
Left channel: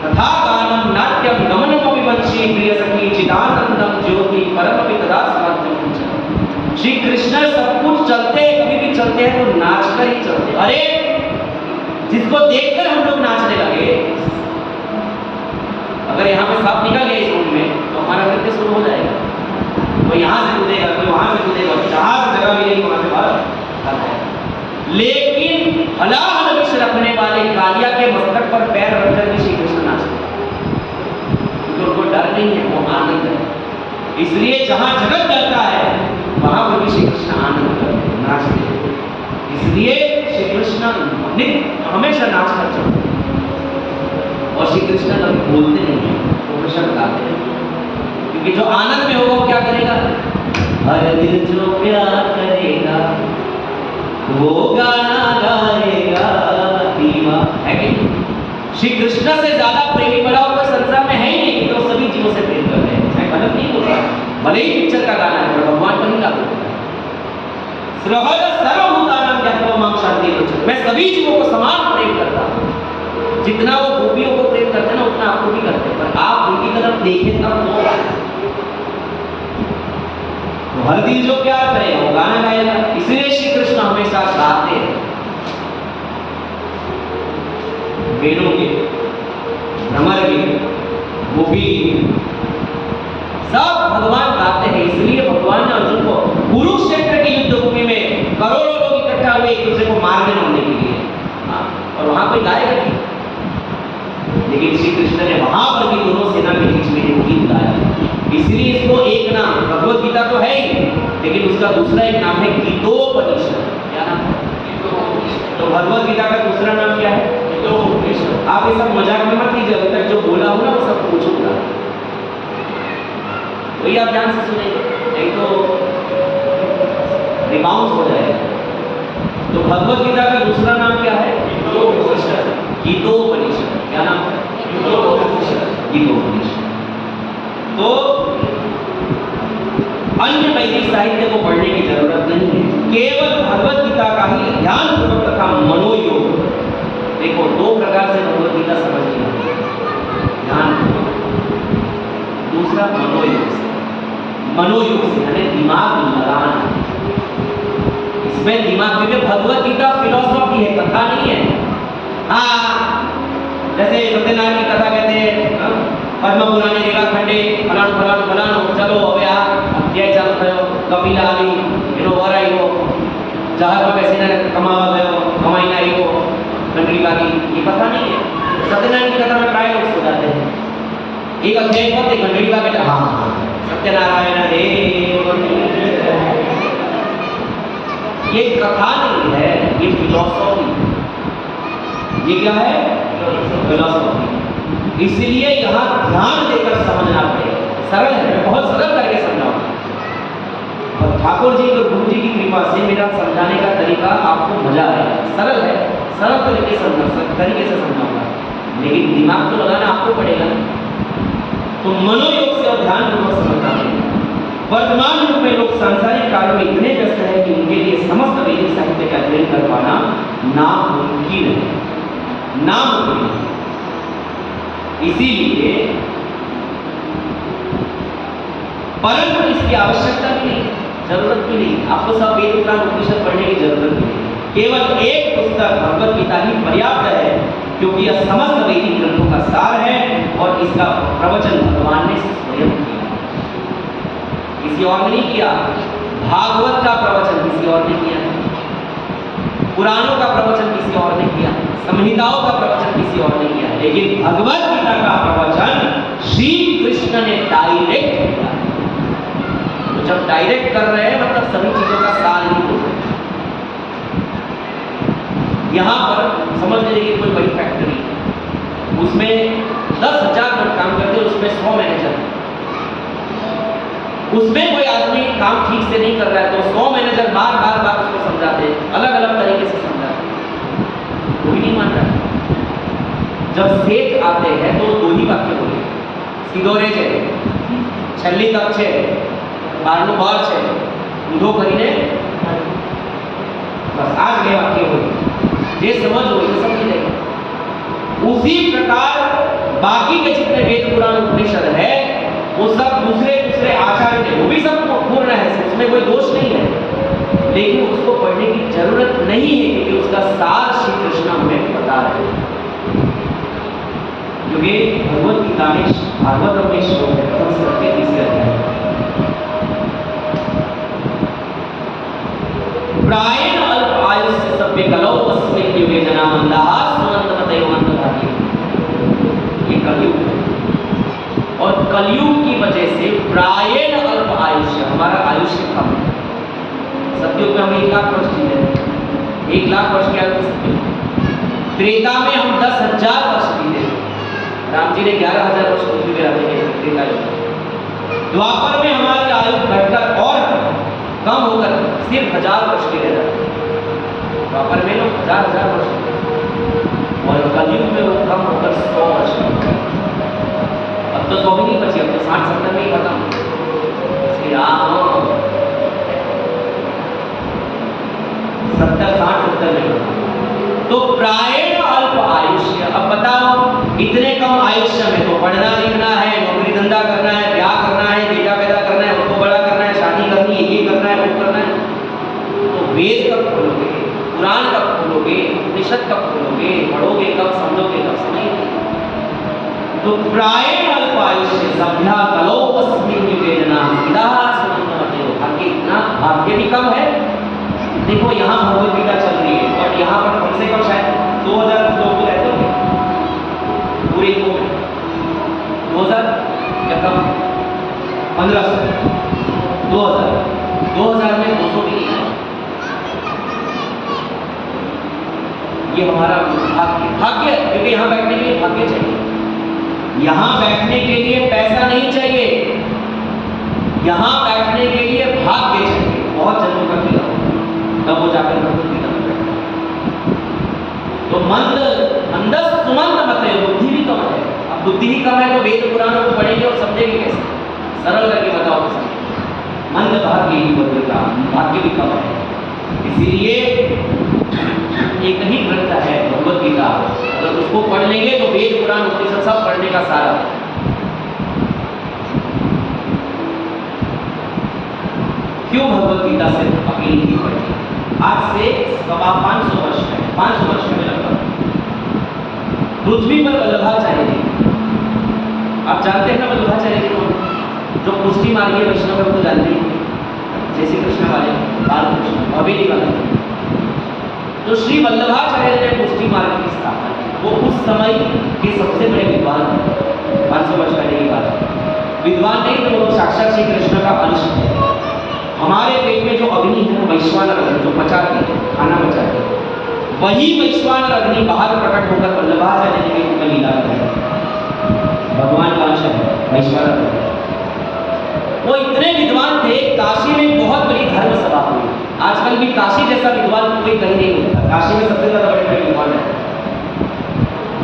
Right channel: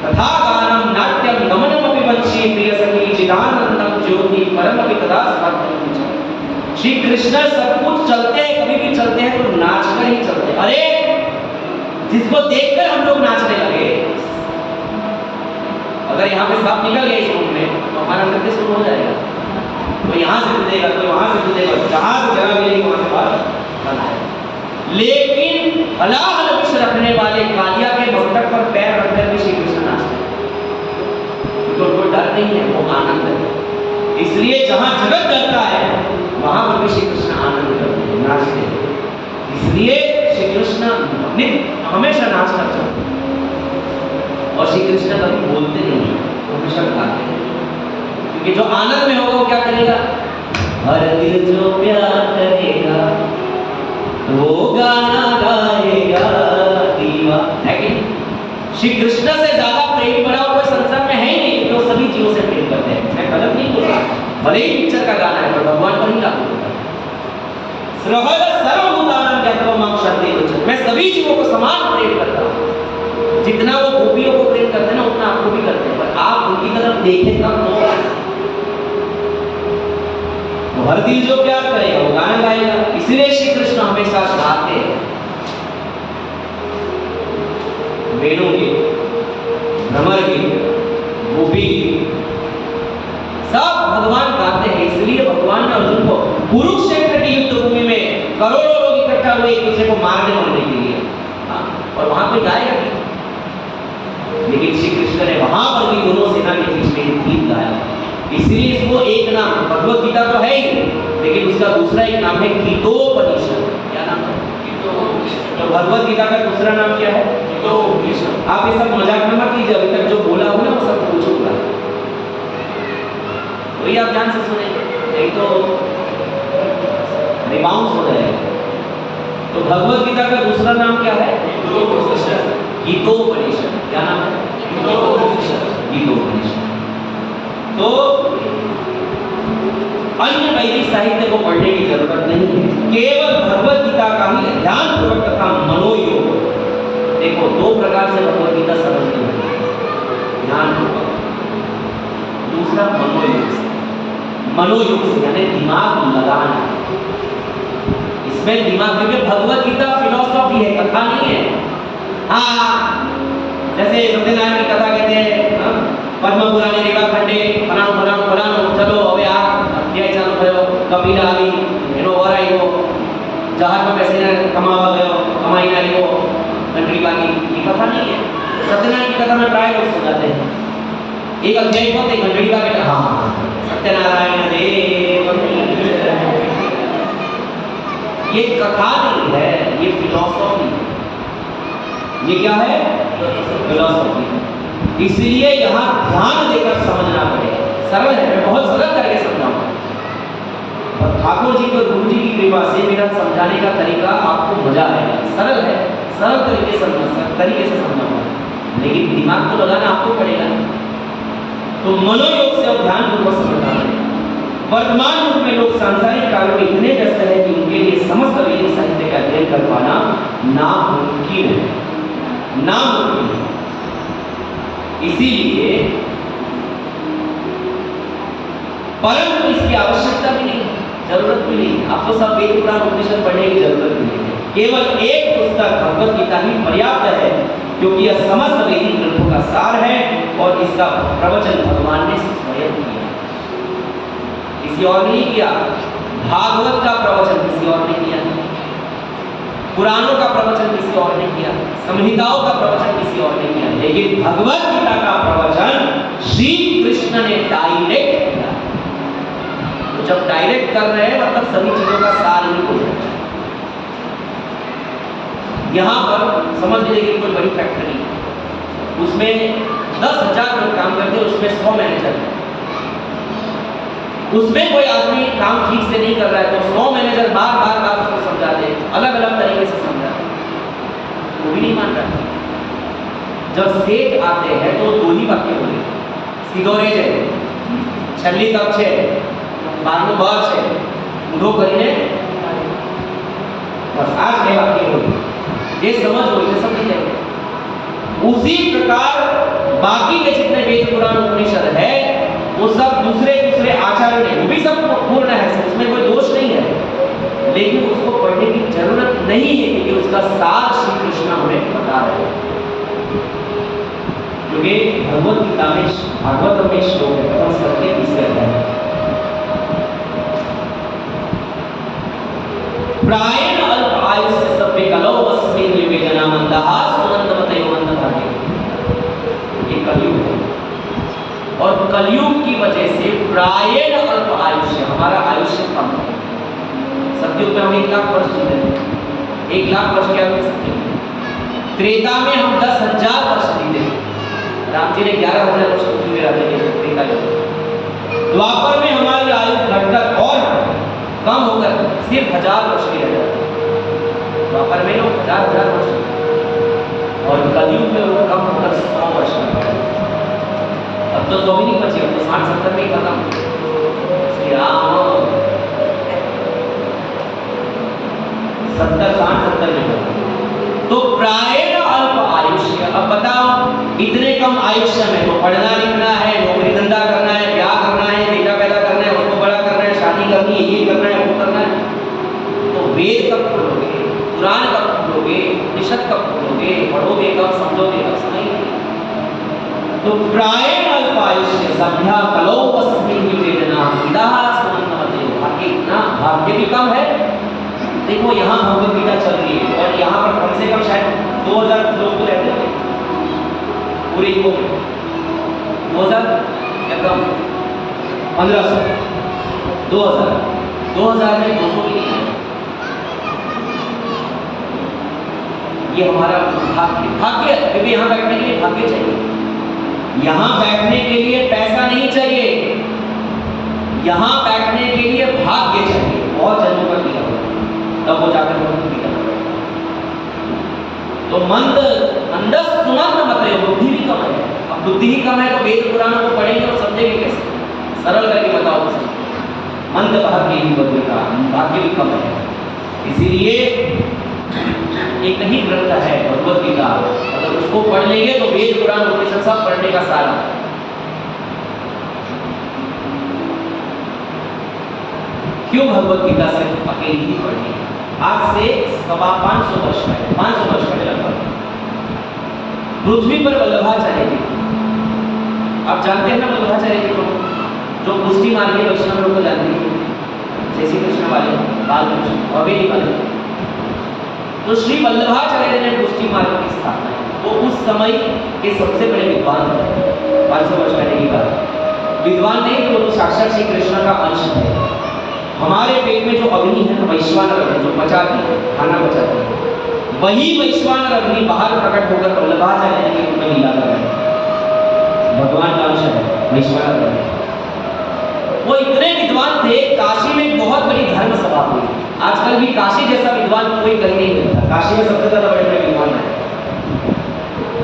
तथा गानम नाट्यम गमनमपि वंशी प्रिय सखी चिदानंदम ज्योति परमपि तदा स्वात्मं। श्री कृष्ण सब कुछ चलते हैं, कभी भी चलते हैं तो नाचकर ही चलते हैं। अरे जिसको देखकर हम लोग नाचने लगे, अगर यहाँ पे सांप निकल गया इस रूम में तो हमारा नृत्य शुरू हो जाएगा। कोई यहाँ से कूदेगा, कोई वहां से कूदेगा, जहां से जगह मिलेगी वहां से बाहर चलना है। लेकिन हलाहल विष रखने वाले कालिया के मस्तक पर पैर रखकर भी श्री कृष्ण नाचते हैं, क्योंकि उनको डर नहीं है, वो आनंद है। इसलिए जहां जगत डरता है वहां पर भी श्री कृष्ण आनंद करते हैं, नाचते हैं। इसलिए श्री कृष्ण हमेशा नाचना चाहते हैं। और श्री कृष्ण कभी बोलते नहीं है, वो हमेशा गाते हैं, क्योंकि जो आनंद में होगा वो क्या करेगा? हर दिल जो प्यार करेगा वो गाना गाएगा दीवा, है कि नहीं? श्री कृष्ण से ज्यादा प्रेमी बड़ा और कोई संसार में है ही नहीं, तो सभी जीवों से प्रेम करते हैं। मैं गलत नहीं बोल रहा, भले ही पिक्चर का गाना है पर भगवान पर ही लागू होता है। सर्वभूतानां ज्ञात्वा मां शान्तिरेव। मैं सभी जीवों को समान प्रेम करता हूं। जितना वो गोपियों को प्रेम करते हैं ना उतना आपको भी करते हैं, पर आप उनकी तरफ देखें तब तो हर दिल जो प्यार करेगा वो गाना गाएगा। इसलिए श्री कृष्ण हमेशा चाहते हैं वेणु के, भ्रमर के, गोपी सब भगवान गाते हैं। इसलिए भगवान ने अर्जुन को कुरुक्षेत्र की युद्ध भूमि में करोड़ों लोग इकट्ठा हुए एक दूसरे को मारने मारने के लिए, और वहां कोई गाएगा नहीं, लेकिन श्री कृष्ण ने वहां पर भी दोनों सेना के बीच में एक गीत गाया। इसलिए इसको एक नाम, भगवत गीता तो है ही, लेकिन उसका दूसरा एक नाम है गीतोपनिषद। क्या नाम है? गीतोपनिषद। तो भगवत गीता का दूसरा नाम क्या है? गीतोपनिषद। आप ये सब मजाक में मत लीजिए, अभी तक जो बोला हो ना वो सब पूछ होगा, वही आप ध्यान से सुनेंगे, नहीं तो रिबाउंस हो जाएगा। तो भगवत गीता का दूसरा नाम क्या है? गीतोपनिषद। गीतोपनिषद। क्या नाम है? गीतोपनिषद। गीतोपनिषद। तो अन्य वैदिक साहित्य को पढ़ने की जरूरत नहीं है, केवल भगवत गीता का ही ध्यान पूर्वक तथा मनोयोग। देखो दो प्रकार से भगवत गीता समझनी है, ध्यान पूर्वक, दूसरा मनोयोग से। मनोयोग से यानी दिमाग लगाना, इसमें दिमाग, क्योंकि भगवत गीता फिलॉसफी है, कथा नहीं है। हाँ, जैसे सत्यनारायण की कथा कहते हैं पद्म पुराणे रेवा खंडे फलाणो फलाणो फलाणो, चलो હવે આ અધ્યાય ચાલુ થયો, કપિલા આવી એનો વર આવ્યો, જહાજમાં બેસીને કમાવા ગયો, કમાઈને આવ્યો, કંટરી બાકી, ये कथा नहीं है। सत्यनारायण की कथा में प्राय लोग सो जाते हैं, एक अध्याय पढ़ते घंटड़ी बाकी, हाँ सत्यनारायण देव, ये कथा नहीं है, ये फिलॉसफी है। ये क्या है? फिलॉसफी। इसलिए यहाँ ध्यान देकर समझना पड़ेगा। सरल है, मैं बहुत सरल करके समझाऊंगा, और ठाकुर जी और गुरु जी की कृपा से मेरा समझाने का तरीका आपको मजा आएगा। सरल है, सरल तरीके से समझाऊंगा, लेकिन दिमाग तो लगाना आपको पड़ेगा। तो मनोयोग से और ध्यान पूर्वक समझना पड़ेगा। वर्तमान युग में लोग सांसारिक कार्यों में इतने व्यस्त हैं कि उनके लिए समस्त वैदिक साहित्य का अध्ययन कर पाना नामुमकिन है, नामुमकिन है। इसीलिए परंतु इसकी आवश्यकता भी नहीं, जरूरत भी नहीं, आपको सब वेद पुराण उपनिषद पढ़ने की जरूरत भी नहीं है। केवल एक पुस्तक भगवत गीता ही पर्याप्त है, क्योंकि यह समस्त वैदिक ग्रंथों का सार है और इसका प्रवचन भगवान ने स्वयं किया, किसी और ने नहीं किया। भागवत का प्रवचन किसी और ने किया, पुराणों का प्रवचन किसी और ने किया, संहिताओं का प्रवचन किसी और ने किया, लेकिन भगवत गीता का प्रवचन श्री कृष्ण ने डायरेक्ट किया। तो जब डायरेक्ट कर रहे हैं मतलब सभी चीजों का सार ही हो रहा है। यहाँ पर समझ लीजिए कि कोई बड़ी फैक्ट्री, उसमें 10,000 लोग काम करते हैं, उसमें 100 मैनेजर हैं। उसमें कोई आदमी काम ठीक से नहीं कर रहा है तो 100 मैनेजर बार बार बार उसको समझाते हैं, अलग अलग तरीके से समझाते हैं, वो भी नहीं मान रहा है। जब सेठ आते हैं तो दो ही वाक्य बोले, सीधोरे છે, છેલ્લી તક છે, બારનું ઘર છે, ઊંધો કરીને बस आज के वाक्य बोले, ये समझ हो ये समझ जाएंगे। उसी प्रकार बाकी के जितने वेद पुराण उपनिषद है वो सब दूसरे दूसरे आचार्य ने, वो भी सब पूर्ण है, उसमें कोई दोष नहीं है, लेकिन उसको पढ़ने की जरूरत नहीं है, क्योंकि उसका सार श्री कृष्ण हमें बता रहे हैं। क्योंकि भगवत गीता में भागवत में श्लोक है, प्रथम स्कंद के 30वें अध्याय, प्रायेण अल्प आयुष्य सभ्य कलौ अस्मिन् युगे जना मंदाः सुमन्तमतयो मंदभाग्य। ये कलयुग है और कलयुग की वजह से प्रायेण अल्प आयुष्य, हमारा आयुष्य कम है। सत्युग में हम 1 लाख वर्ष जीते, 1 लाख वर्ष क्या होती सत्युग। त्रेता में हम 10,000 वर्ष जीते, राम जी ने 11,000 वर्ष पृथ्वी पे रहते हैं त्रेता युग। द्वापर में हमारी आयु घटकर और कम होकर सिर्फ 1000 वर्ष की रह जाती है। द्वापर में लोग 1000 वर्ष और कलयुग में वो कम होकर 100 वर्ष की। अब तो 100 भी नहीं बची, अब तो 60-70 में ही खत्म। श्री राम 70-60-70 में खत्म। तो प्रायेण अल्प आयुष्य। अब बताओ, इतने कम आयुष्य में तो पढ़ना लिखना है, नौकरी धंधा करना है, ब्याह करना है, बेटा पैदा करना है, उसको बड़ा करना है, शादी करनी है, ये करना है, वो करना है, तो वेद कब खोलोगे, पुराण कब खोलोगे, उपनिषद कब खोलोगे, पढ़ोगे कब, समझोगे कब, समय नहीं। तो प्रायण अल्पायुष्य सभ्या कलो अस्मिन् निवेदना इदा सुमंतमते। भाग्य इतना, भाग्य भी कम है। देखो यहाँ भगवत गीता चल रही है और यहाँ पर कम से कम शायद 2000 लोग तो रहते होंगे पूरे को, 2000 या कम, 1500, 2000 में 200 भी नहीं आए। ये हमारा भाग्य, क्योंकि यहाँ बैठने के लिए भाग्य चाहिए। यहाँ बैठने के लिए पैसा नहीं चाहिए, यहाँ बैठने के लिए भाग्य चाहिए। बहुत जन्मों का किया तब वो जाकर भगवत गीता में बैठा। तो मंदस सुमंत मत, बुद्धि भी कम है। अब बुद्धि ही कम है तो वेद पुराणों को पढ़ेंगे और समझेंगे कैसे? सरल करके बताओ तो समझेंगे। मंद भाग्य ही बदलता, भाग्य भी कम है। इसीलिए एक ही ग्रंथ है भगवत गीता, अगर उसको पढ़ लेंगे तो वेद पुराण उपनिषद सब पढ़ने का सारा। क्यों भगवत गीता सिर्फ अकेली ही पढ़नी? आज से 550 वर्ष पहले, 500 वर्ष पहले लगभग पृथ्वी पर वल्लभाचार्य थे। आप जानते हैं ना वल्लभाचार्य की कौन? जो पुष्टि मार्गीय वैष्णव है, वो तो जानते हैं, जैसे कृष्ण वाले, बाल कृष्ण और वेदी वाले। तो श्री वल्लभाचार्य ने पुष्टि मार्ग की स्थापना की। वो उस समय के सबसे बड़े विद्वान थे, 500 वर्ष पहले की बात। विद्वान नहीं तो वो साक्षात श्री कृष्ण का अंश है। हमारे पेट में जो अग्नि है ना, वैश्वानर अग्नि, जो पचाती है, खाना पचाती है, वही वैश्वानर अग्नि बाहर प्रकट होकर वल्लभाचार्य के रूप में लीला कर रहे हैं। भगवान का अंश है वैश्वानर अग्नि। वो इतने विद्वान थे, काशी में बहुत बड़ी धर्म सभा हुई। आजकल भी काशी जैसा विद्वान कोई कहीं नहीं मिलता। काशी में सबसे ज्यादा बड़े बड़े विद्वान हैं।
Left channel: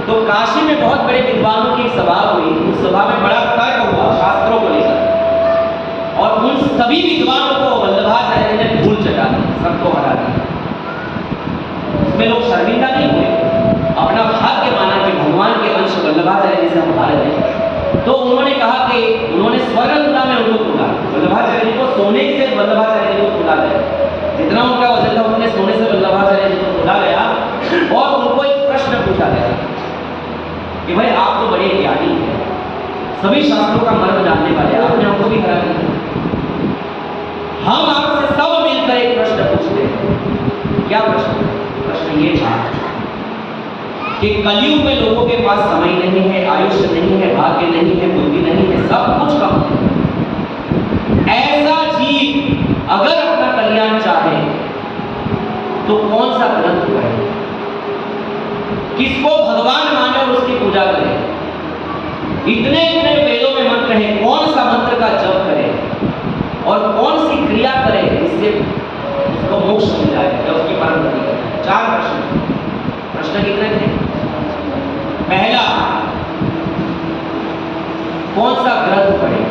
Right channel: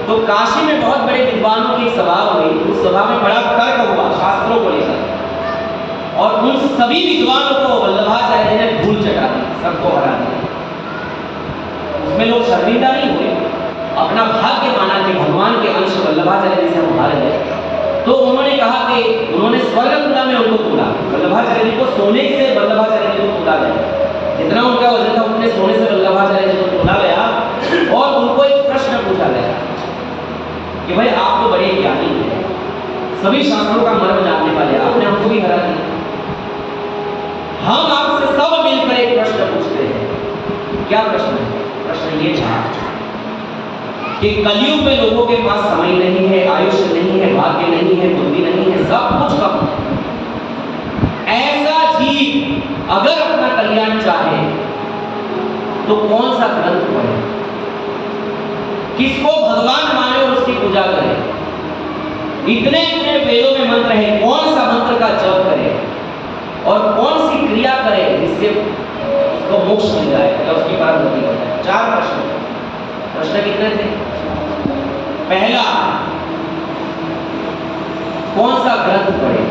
तो काशी में बहुत बड़े विद्वानों की सभा हुई। उस सभा में बड़ा तर्क हुआ शास्त्रों को लेकर, और उन सभी विद्वानों को वल्लभाचार्य ने धूल चटा दी, सबको हरा दिया। उसमें लोग शर्मिंदा नहीं हुए, अपना भाग्य माना कि भगवान के अंश वल्लभाचार्य जी से हम हारे हैं। तो उन्होंने कहा कि उन्होंने स्वर्गतुला में उनको तोला। वल्लभाचार्य जी को सोने से वल्लभाचार्य जी को तोला गया, जितना उनका वजन था उतने सोने से वल्लभाचार्य जी को तोला गया। और उनको एक प्रश्न पूछा गया कि भाई आप तो बड़े ज्ञानी हैं, सभी शास्त्रों का मर्म जानने वाले, आपने हमको भी हरा दिया। हम आपसे सब मिलकर एक प्रश्न पूछते हैं। क्या प्रश्न? प्रश्न ये था कि कलयुग में लोगों के पास समय नहीं है, आयुष्य नहीं है, भाग्य नहीं है, बुद्धि नहीं है, सब कुछ कम है। ऐसा जीव अगर अपना कल्याण चाहे तो कौन सा ग्रंथ पढ़े, किसको भगवान माने और उसकी पूजा करे? इतने इतने वेदों में मंत्र है, कौन सा मंत्र का जप करे और कौन सी क्रिया करे जिससे उसको मोक्ष मिल जाए या उसकी परागति करे? 4 प्रश्न। प्रश्न कितने थे? पहला, कौन सा ग्रंथ पढ़े?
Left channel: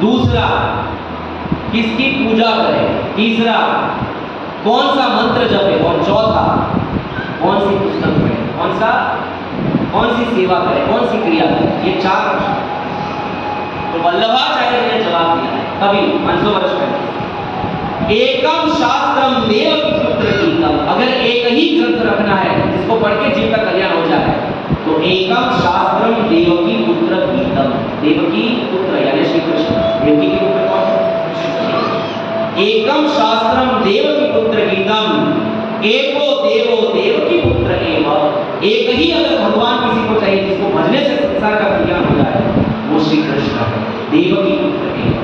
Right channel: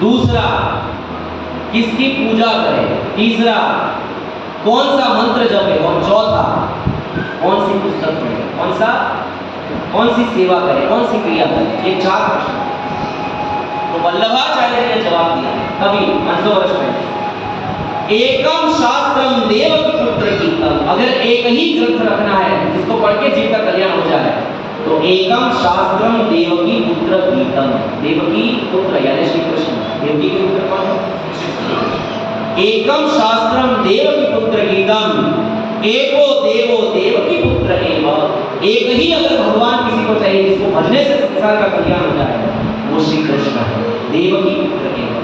दूसरा, किसकी पूजा करे? तीसरा, कौन सा मंत्र जपे? और चौथा, कौन सी पुस्तक पढ़े? कौन सी सेवा करे, कौन सी क्रिया करे? ये 4 प्रश्न। तो वल्लभाचार्य ने जवाब दिया है कभी 500 वर्ष पहले, एकम शास्त्रम देवकी पुत्र गीतम। अगर एक ही ग्रंथ रखना है जिसको पढ़ के जीव का कल्याण हो जाए तो एकम शास्त्रम देवकी पुत्र गीतम। देवकी पुत्र यानी श्री कृष्ण, देवकी के पुत्र कौन? एकम शास्त्रम देवकी पुत्र गीतम एको देवो देवकी पुत्र एव। एक ही अगर भगवान किसी को चाहिए जिसको भजने से संसार का कल्याण हो जाए, वो श्री कृष्ण है, देवकी पुत्र एव।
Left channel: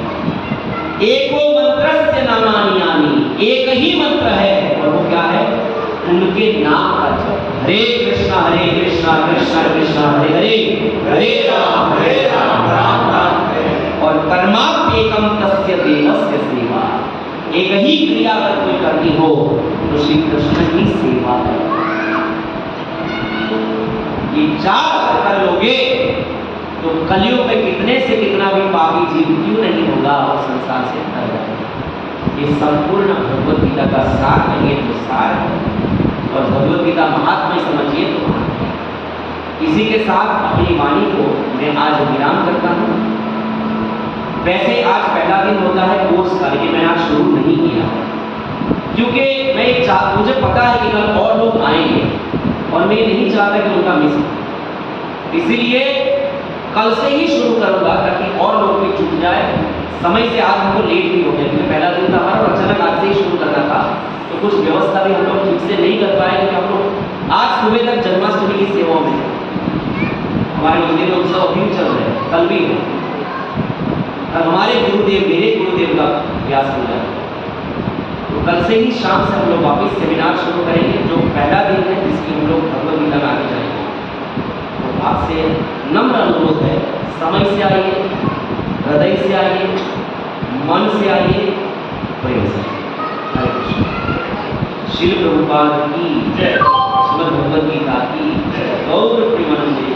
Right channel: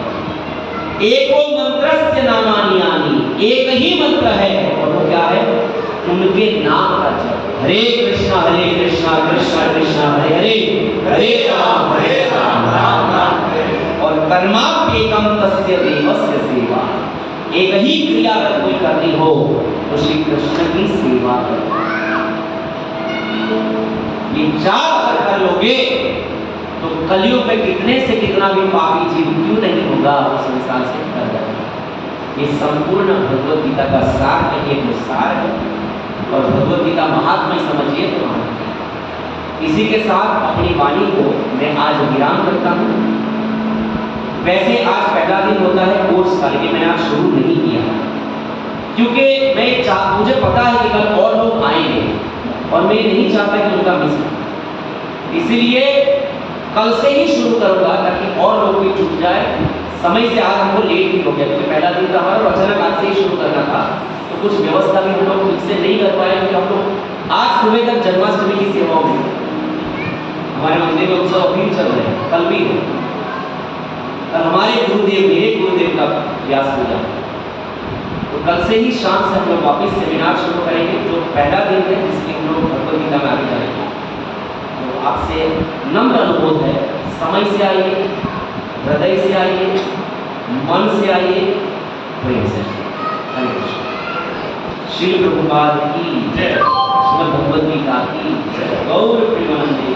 एको मंत्रस्य नामानि यानि, एक ही मंत्र है और वो क्या है? उनके नाम का जप। हरे कृष्णा कृष्णा कृष्णा हरे हरे, हरे राम राम राम हरे। और कर्माप्येकम तस्य देवस्य सेवा। एक ही क्रिया अगर कोई करनी हो तो श्री कृष्ण की सेवा करो। ये 4 अगर कर लोगे तो कलयुग में कितने से कितना भी पापी जीव क्यों नहीं होगा, वो संसार से हट जाएगा। ये संपूर्ण भगवत गीता का सार नहीं है तो सार है, और भगवत गीता महात्मा समझिए तो महात्मा। इसी के साथ अपनी वाणी को मैं आज विराम करता हूँ। वैसे आज पहला दिन होता है कोर्स का, लेकिन मैंने आज शुरू नहीं किया क्योंकि मुझे पता है कि कल और लोग आएंगे और मैं नहीं चाहता कि उनका मिस हो। इसीलिए कल से ही शुरू करूंगा ताकि और लोग भी छूट जाए। समय से आज हमको लेट भी हो गया क्योंकि पहला दिन था हमारा और अचानक आज से ही शुरू करना था, तो कुछ व्यवस्था भी हम लोग ठीक से नहीं कर पाए क्योंकि हम लोग आज सुबह तक जन्माष्टमी की सेवाओं में हमारे मंदिर में उत्सव अभी चल रहे हैं, कल भी है। कल हमारे गुरुदेव, मेरे गुरुदेव का व्यास पूजा, तो कल से ही शाम से हम लोग वापस सेमिनार शुरू करेंगे जो पहला दिन है जिसकी हम लोग भगवद गीता में आगे जाएंगे। तो आपसे नम्र अनुरोध है, समय से आइए, हृदय से आइए, मन से आइए, प्रेम से। हरे कृष्ण। श्री प्रभुपाद की जय, श्रीमद् भगवद गीता की जय, गौर प्रेमानंदे।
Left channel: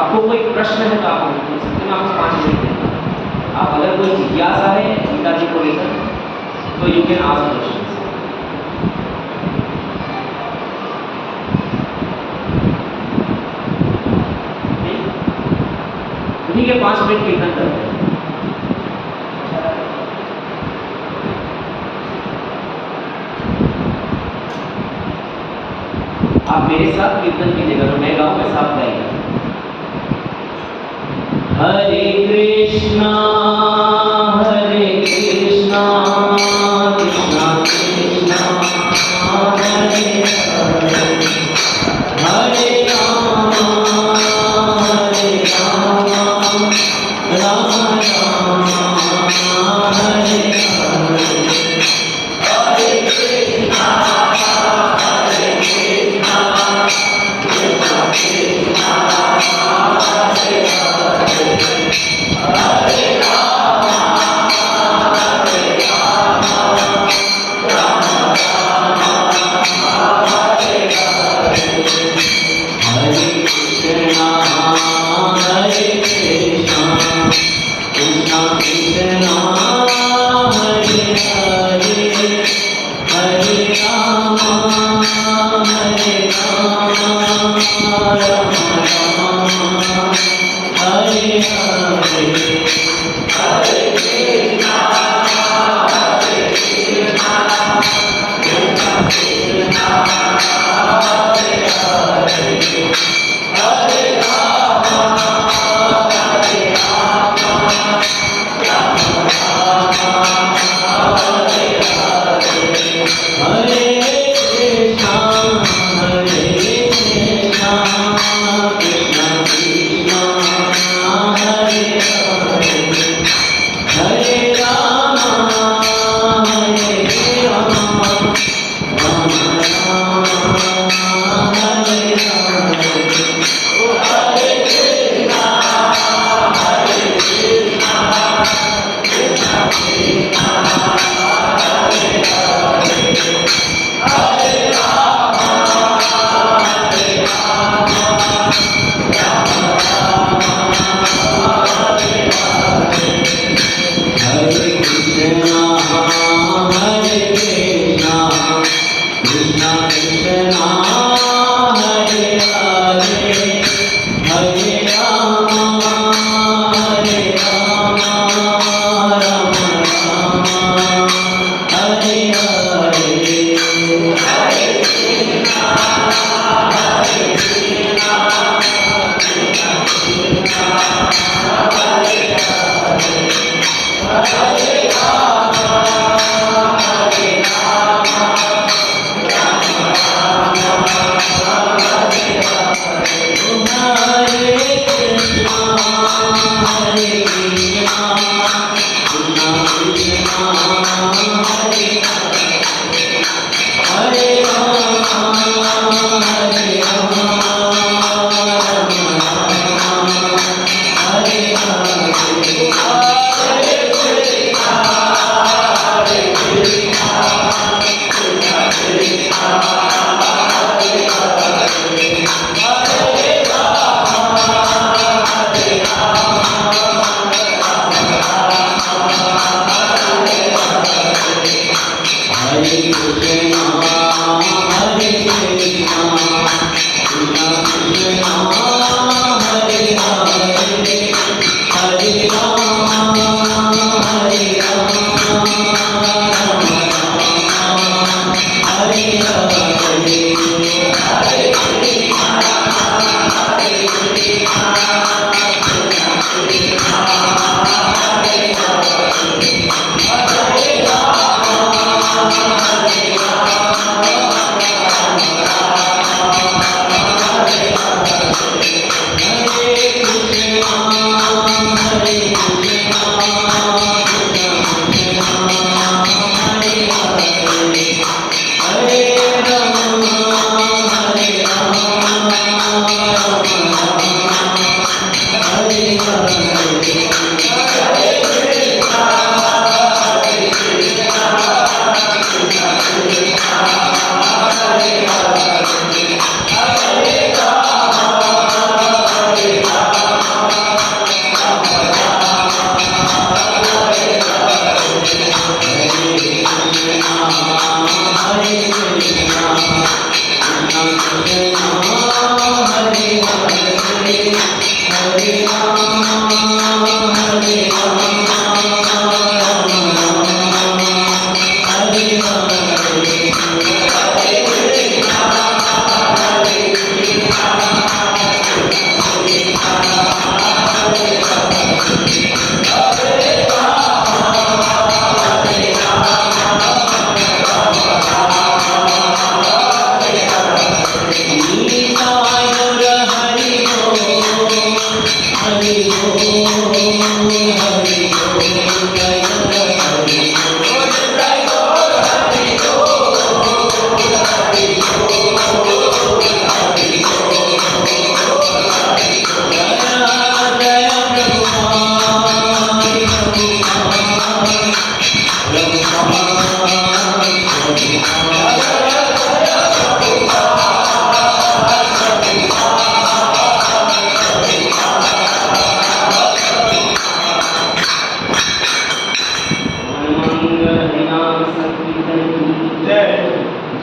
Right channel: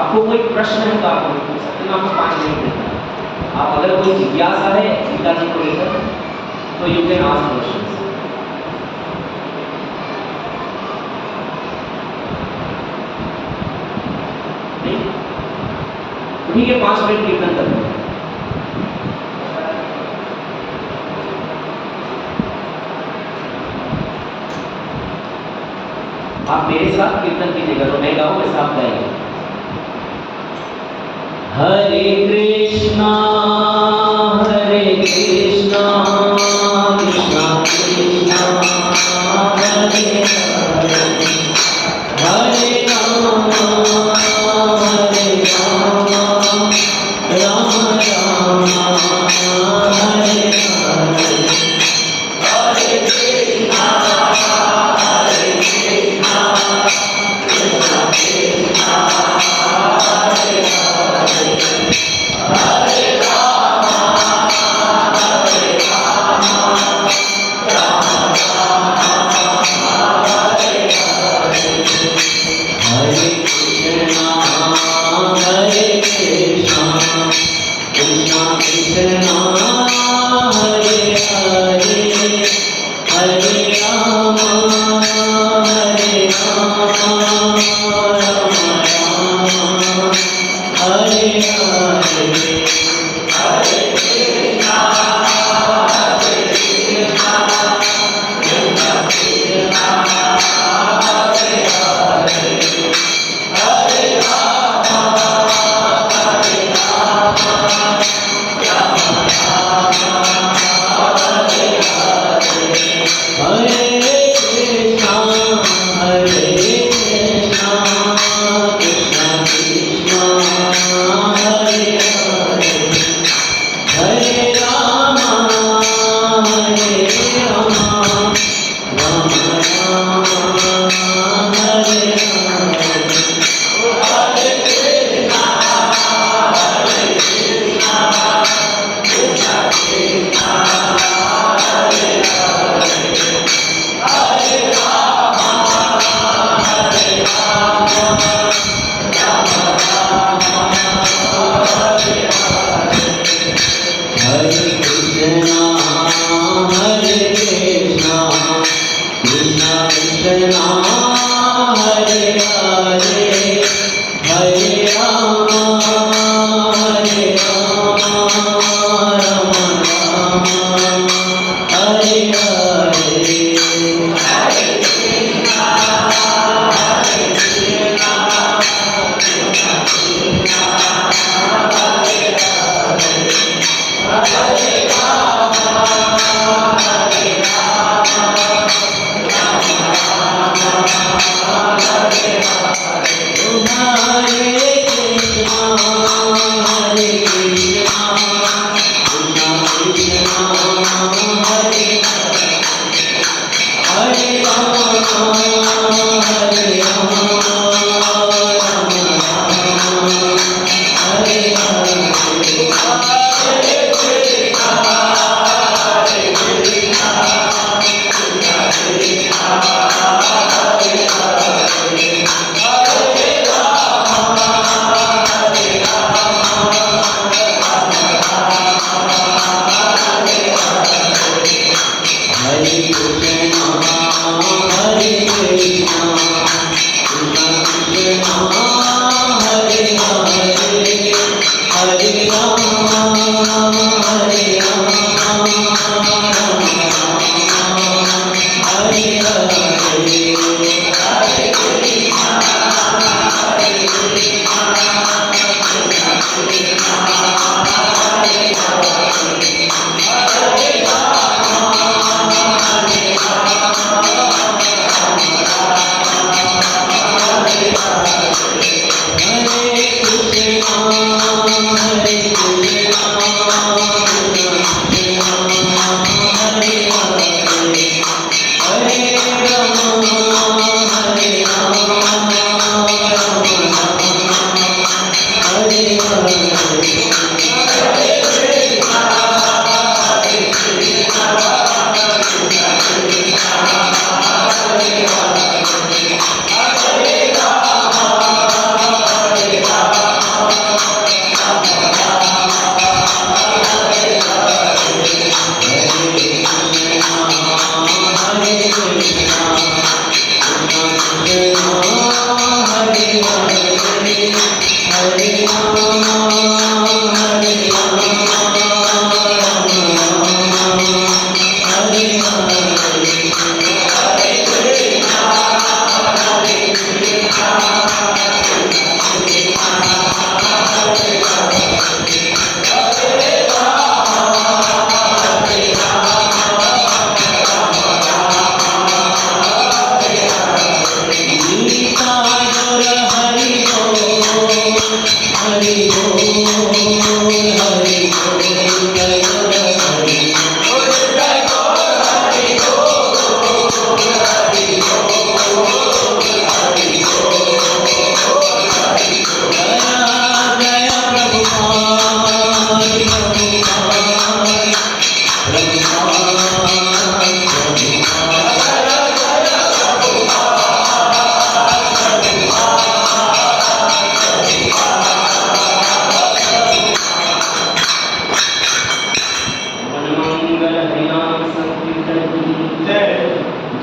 आपको कोई प्रश्न है तो आप पूछ सकते हैं, आपको 5 मिनट देता हूं। आप अगर कोई जिज्ञासा है गीता जी को लेकर तो यू कैन आस्क क्वेश्चन। ठीक है, 5 मिनट कीर्तन करते हैं। आप मेरे साथ कीर्तन कीजिएगा, तो मैं गाऊं वैसा आप गाएंगे। हरे कृष्णा हरे कृष्णा कृष्णा कृष्णा हरे हरे, हरे राम राम राम हरे हरे, हरे कृष्णा हरे कृष्णा कृष्णा कृष्णा हरे हरे, हरे राम राम राम हरे हरे, हरे कृष्णा कृष्णा कृष्णा हरे हरे, हरे राम राम राम हरे हरे, हरे कृष्णा कृष्णा कृष्णा हरे हरे, हरे राम राम हरे हरे, हरे कृष्णा कृष्णा कृष्णा हरे हरे, हरे राम राम राम हरे हरे, हरे कृष्णा कृष्णा कृष्णा हरे हरे, हरे राम राम राम हरे हरे, हरे कृष्णा कृष्णा कृष्णा हरे हरे, हरे राम राम राम हरे हरे, हरे कृष्णा कृष्णा कृष्णा कृष्णा हरे हरे, हरे राम हरे कृष्णा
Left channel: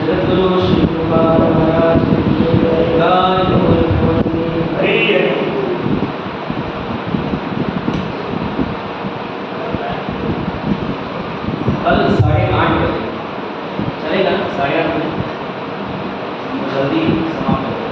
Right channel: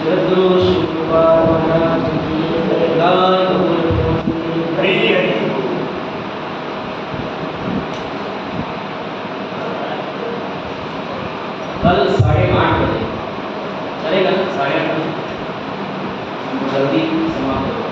जगद्गुरु श्री प्रभुपाद महाराज की जय। हरी जी हरी। कल 8:30 बजे चलेगा ना, 8:30 बजे जल्दी समाप्त हो।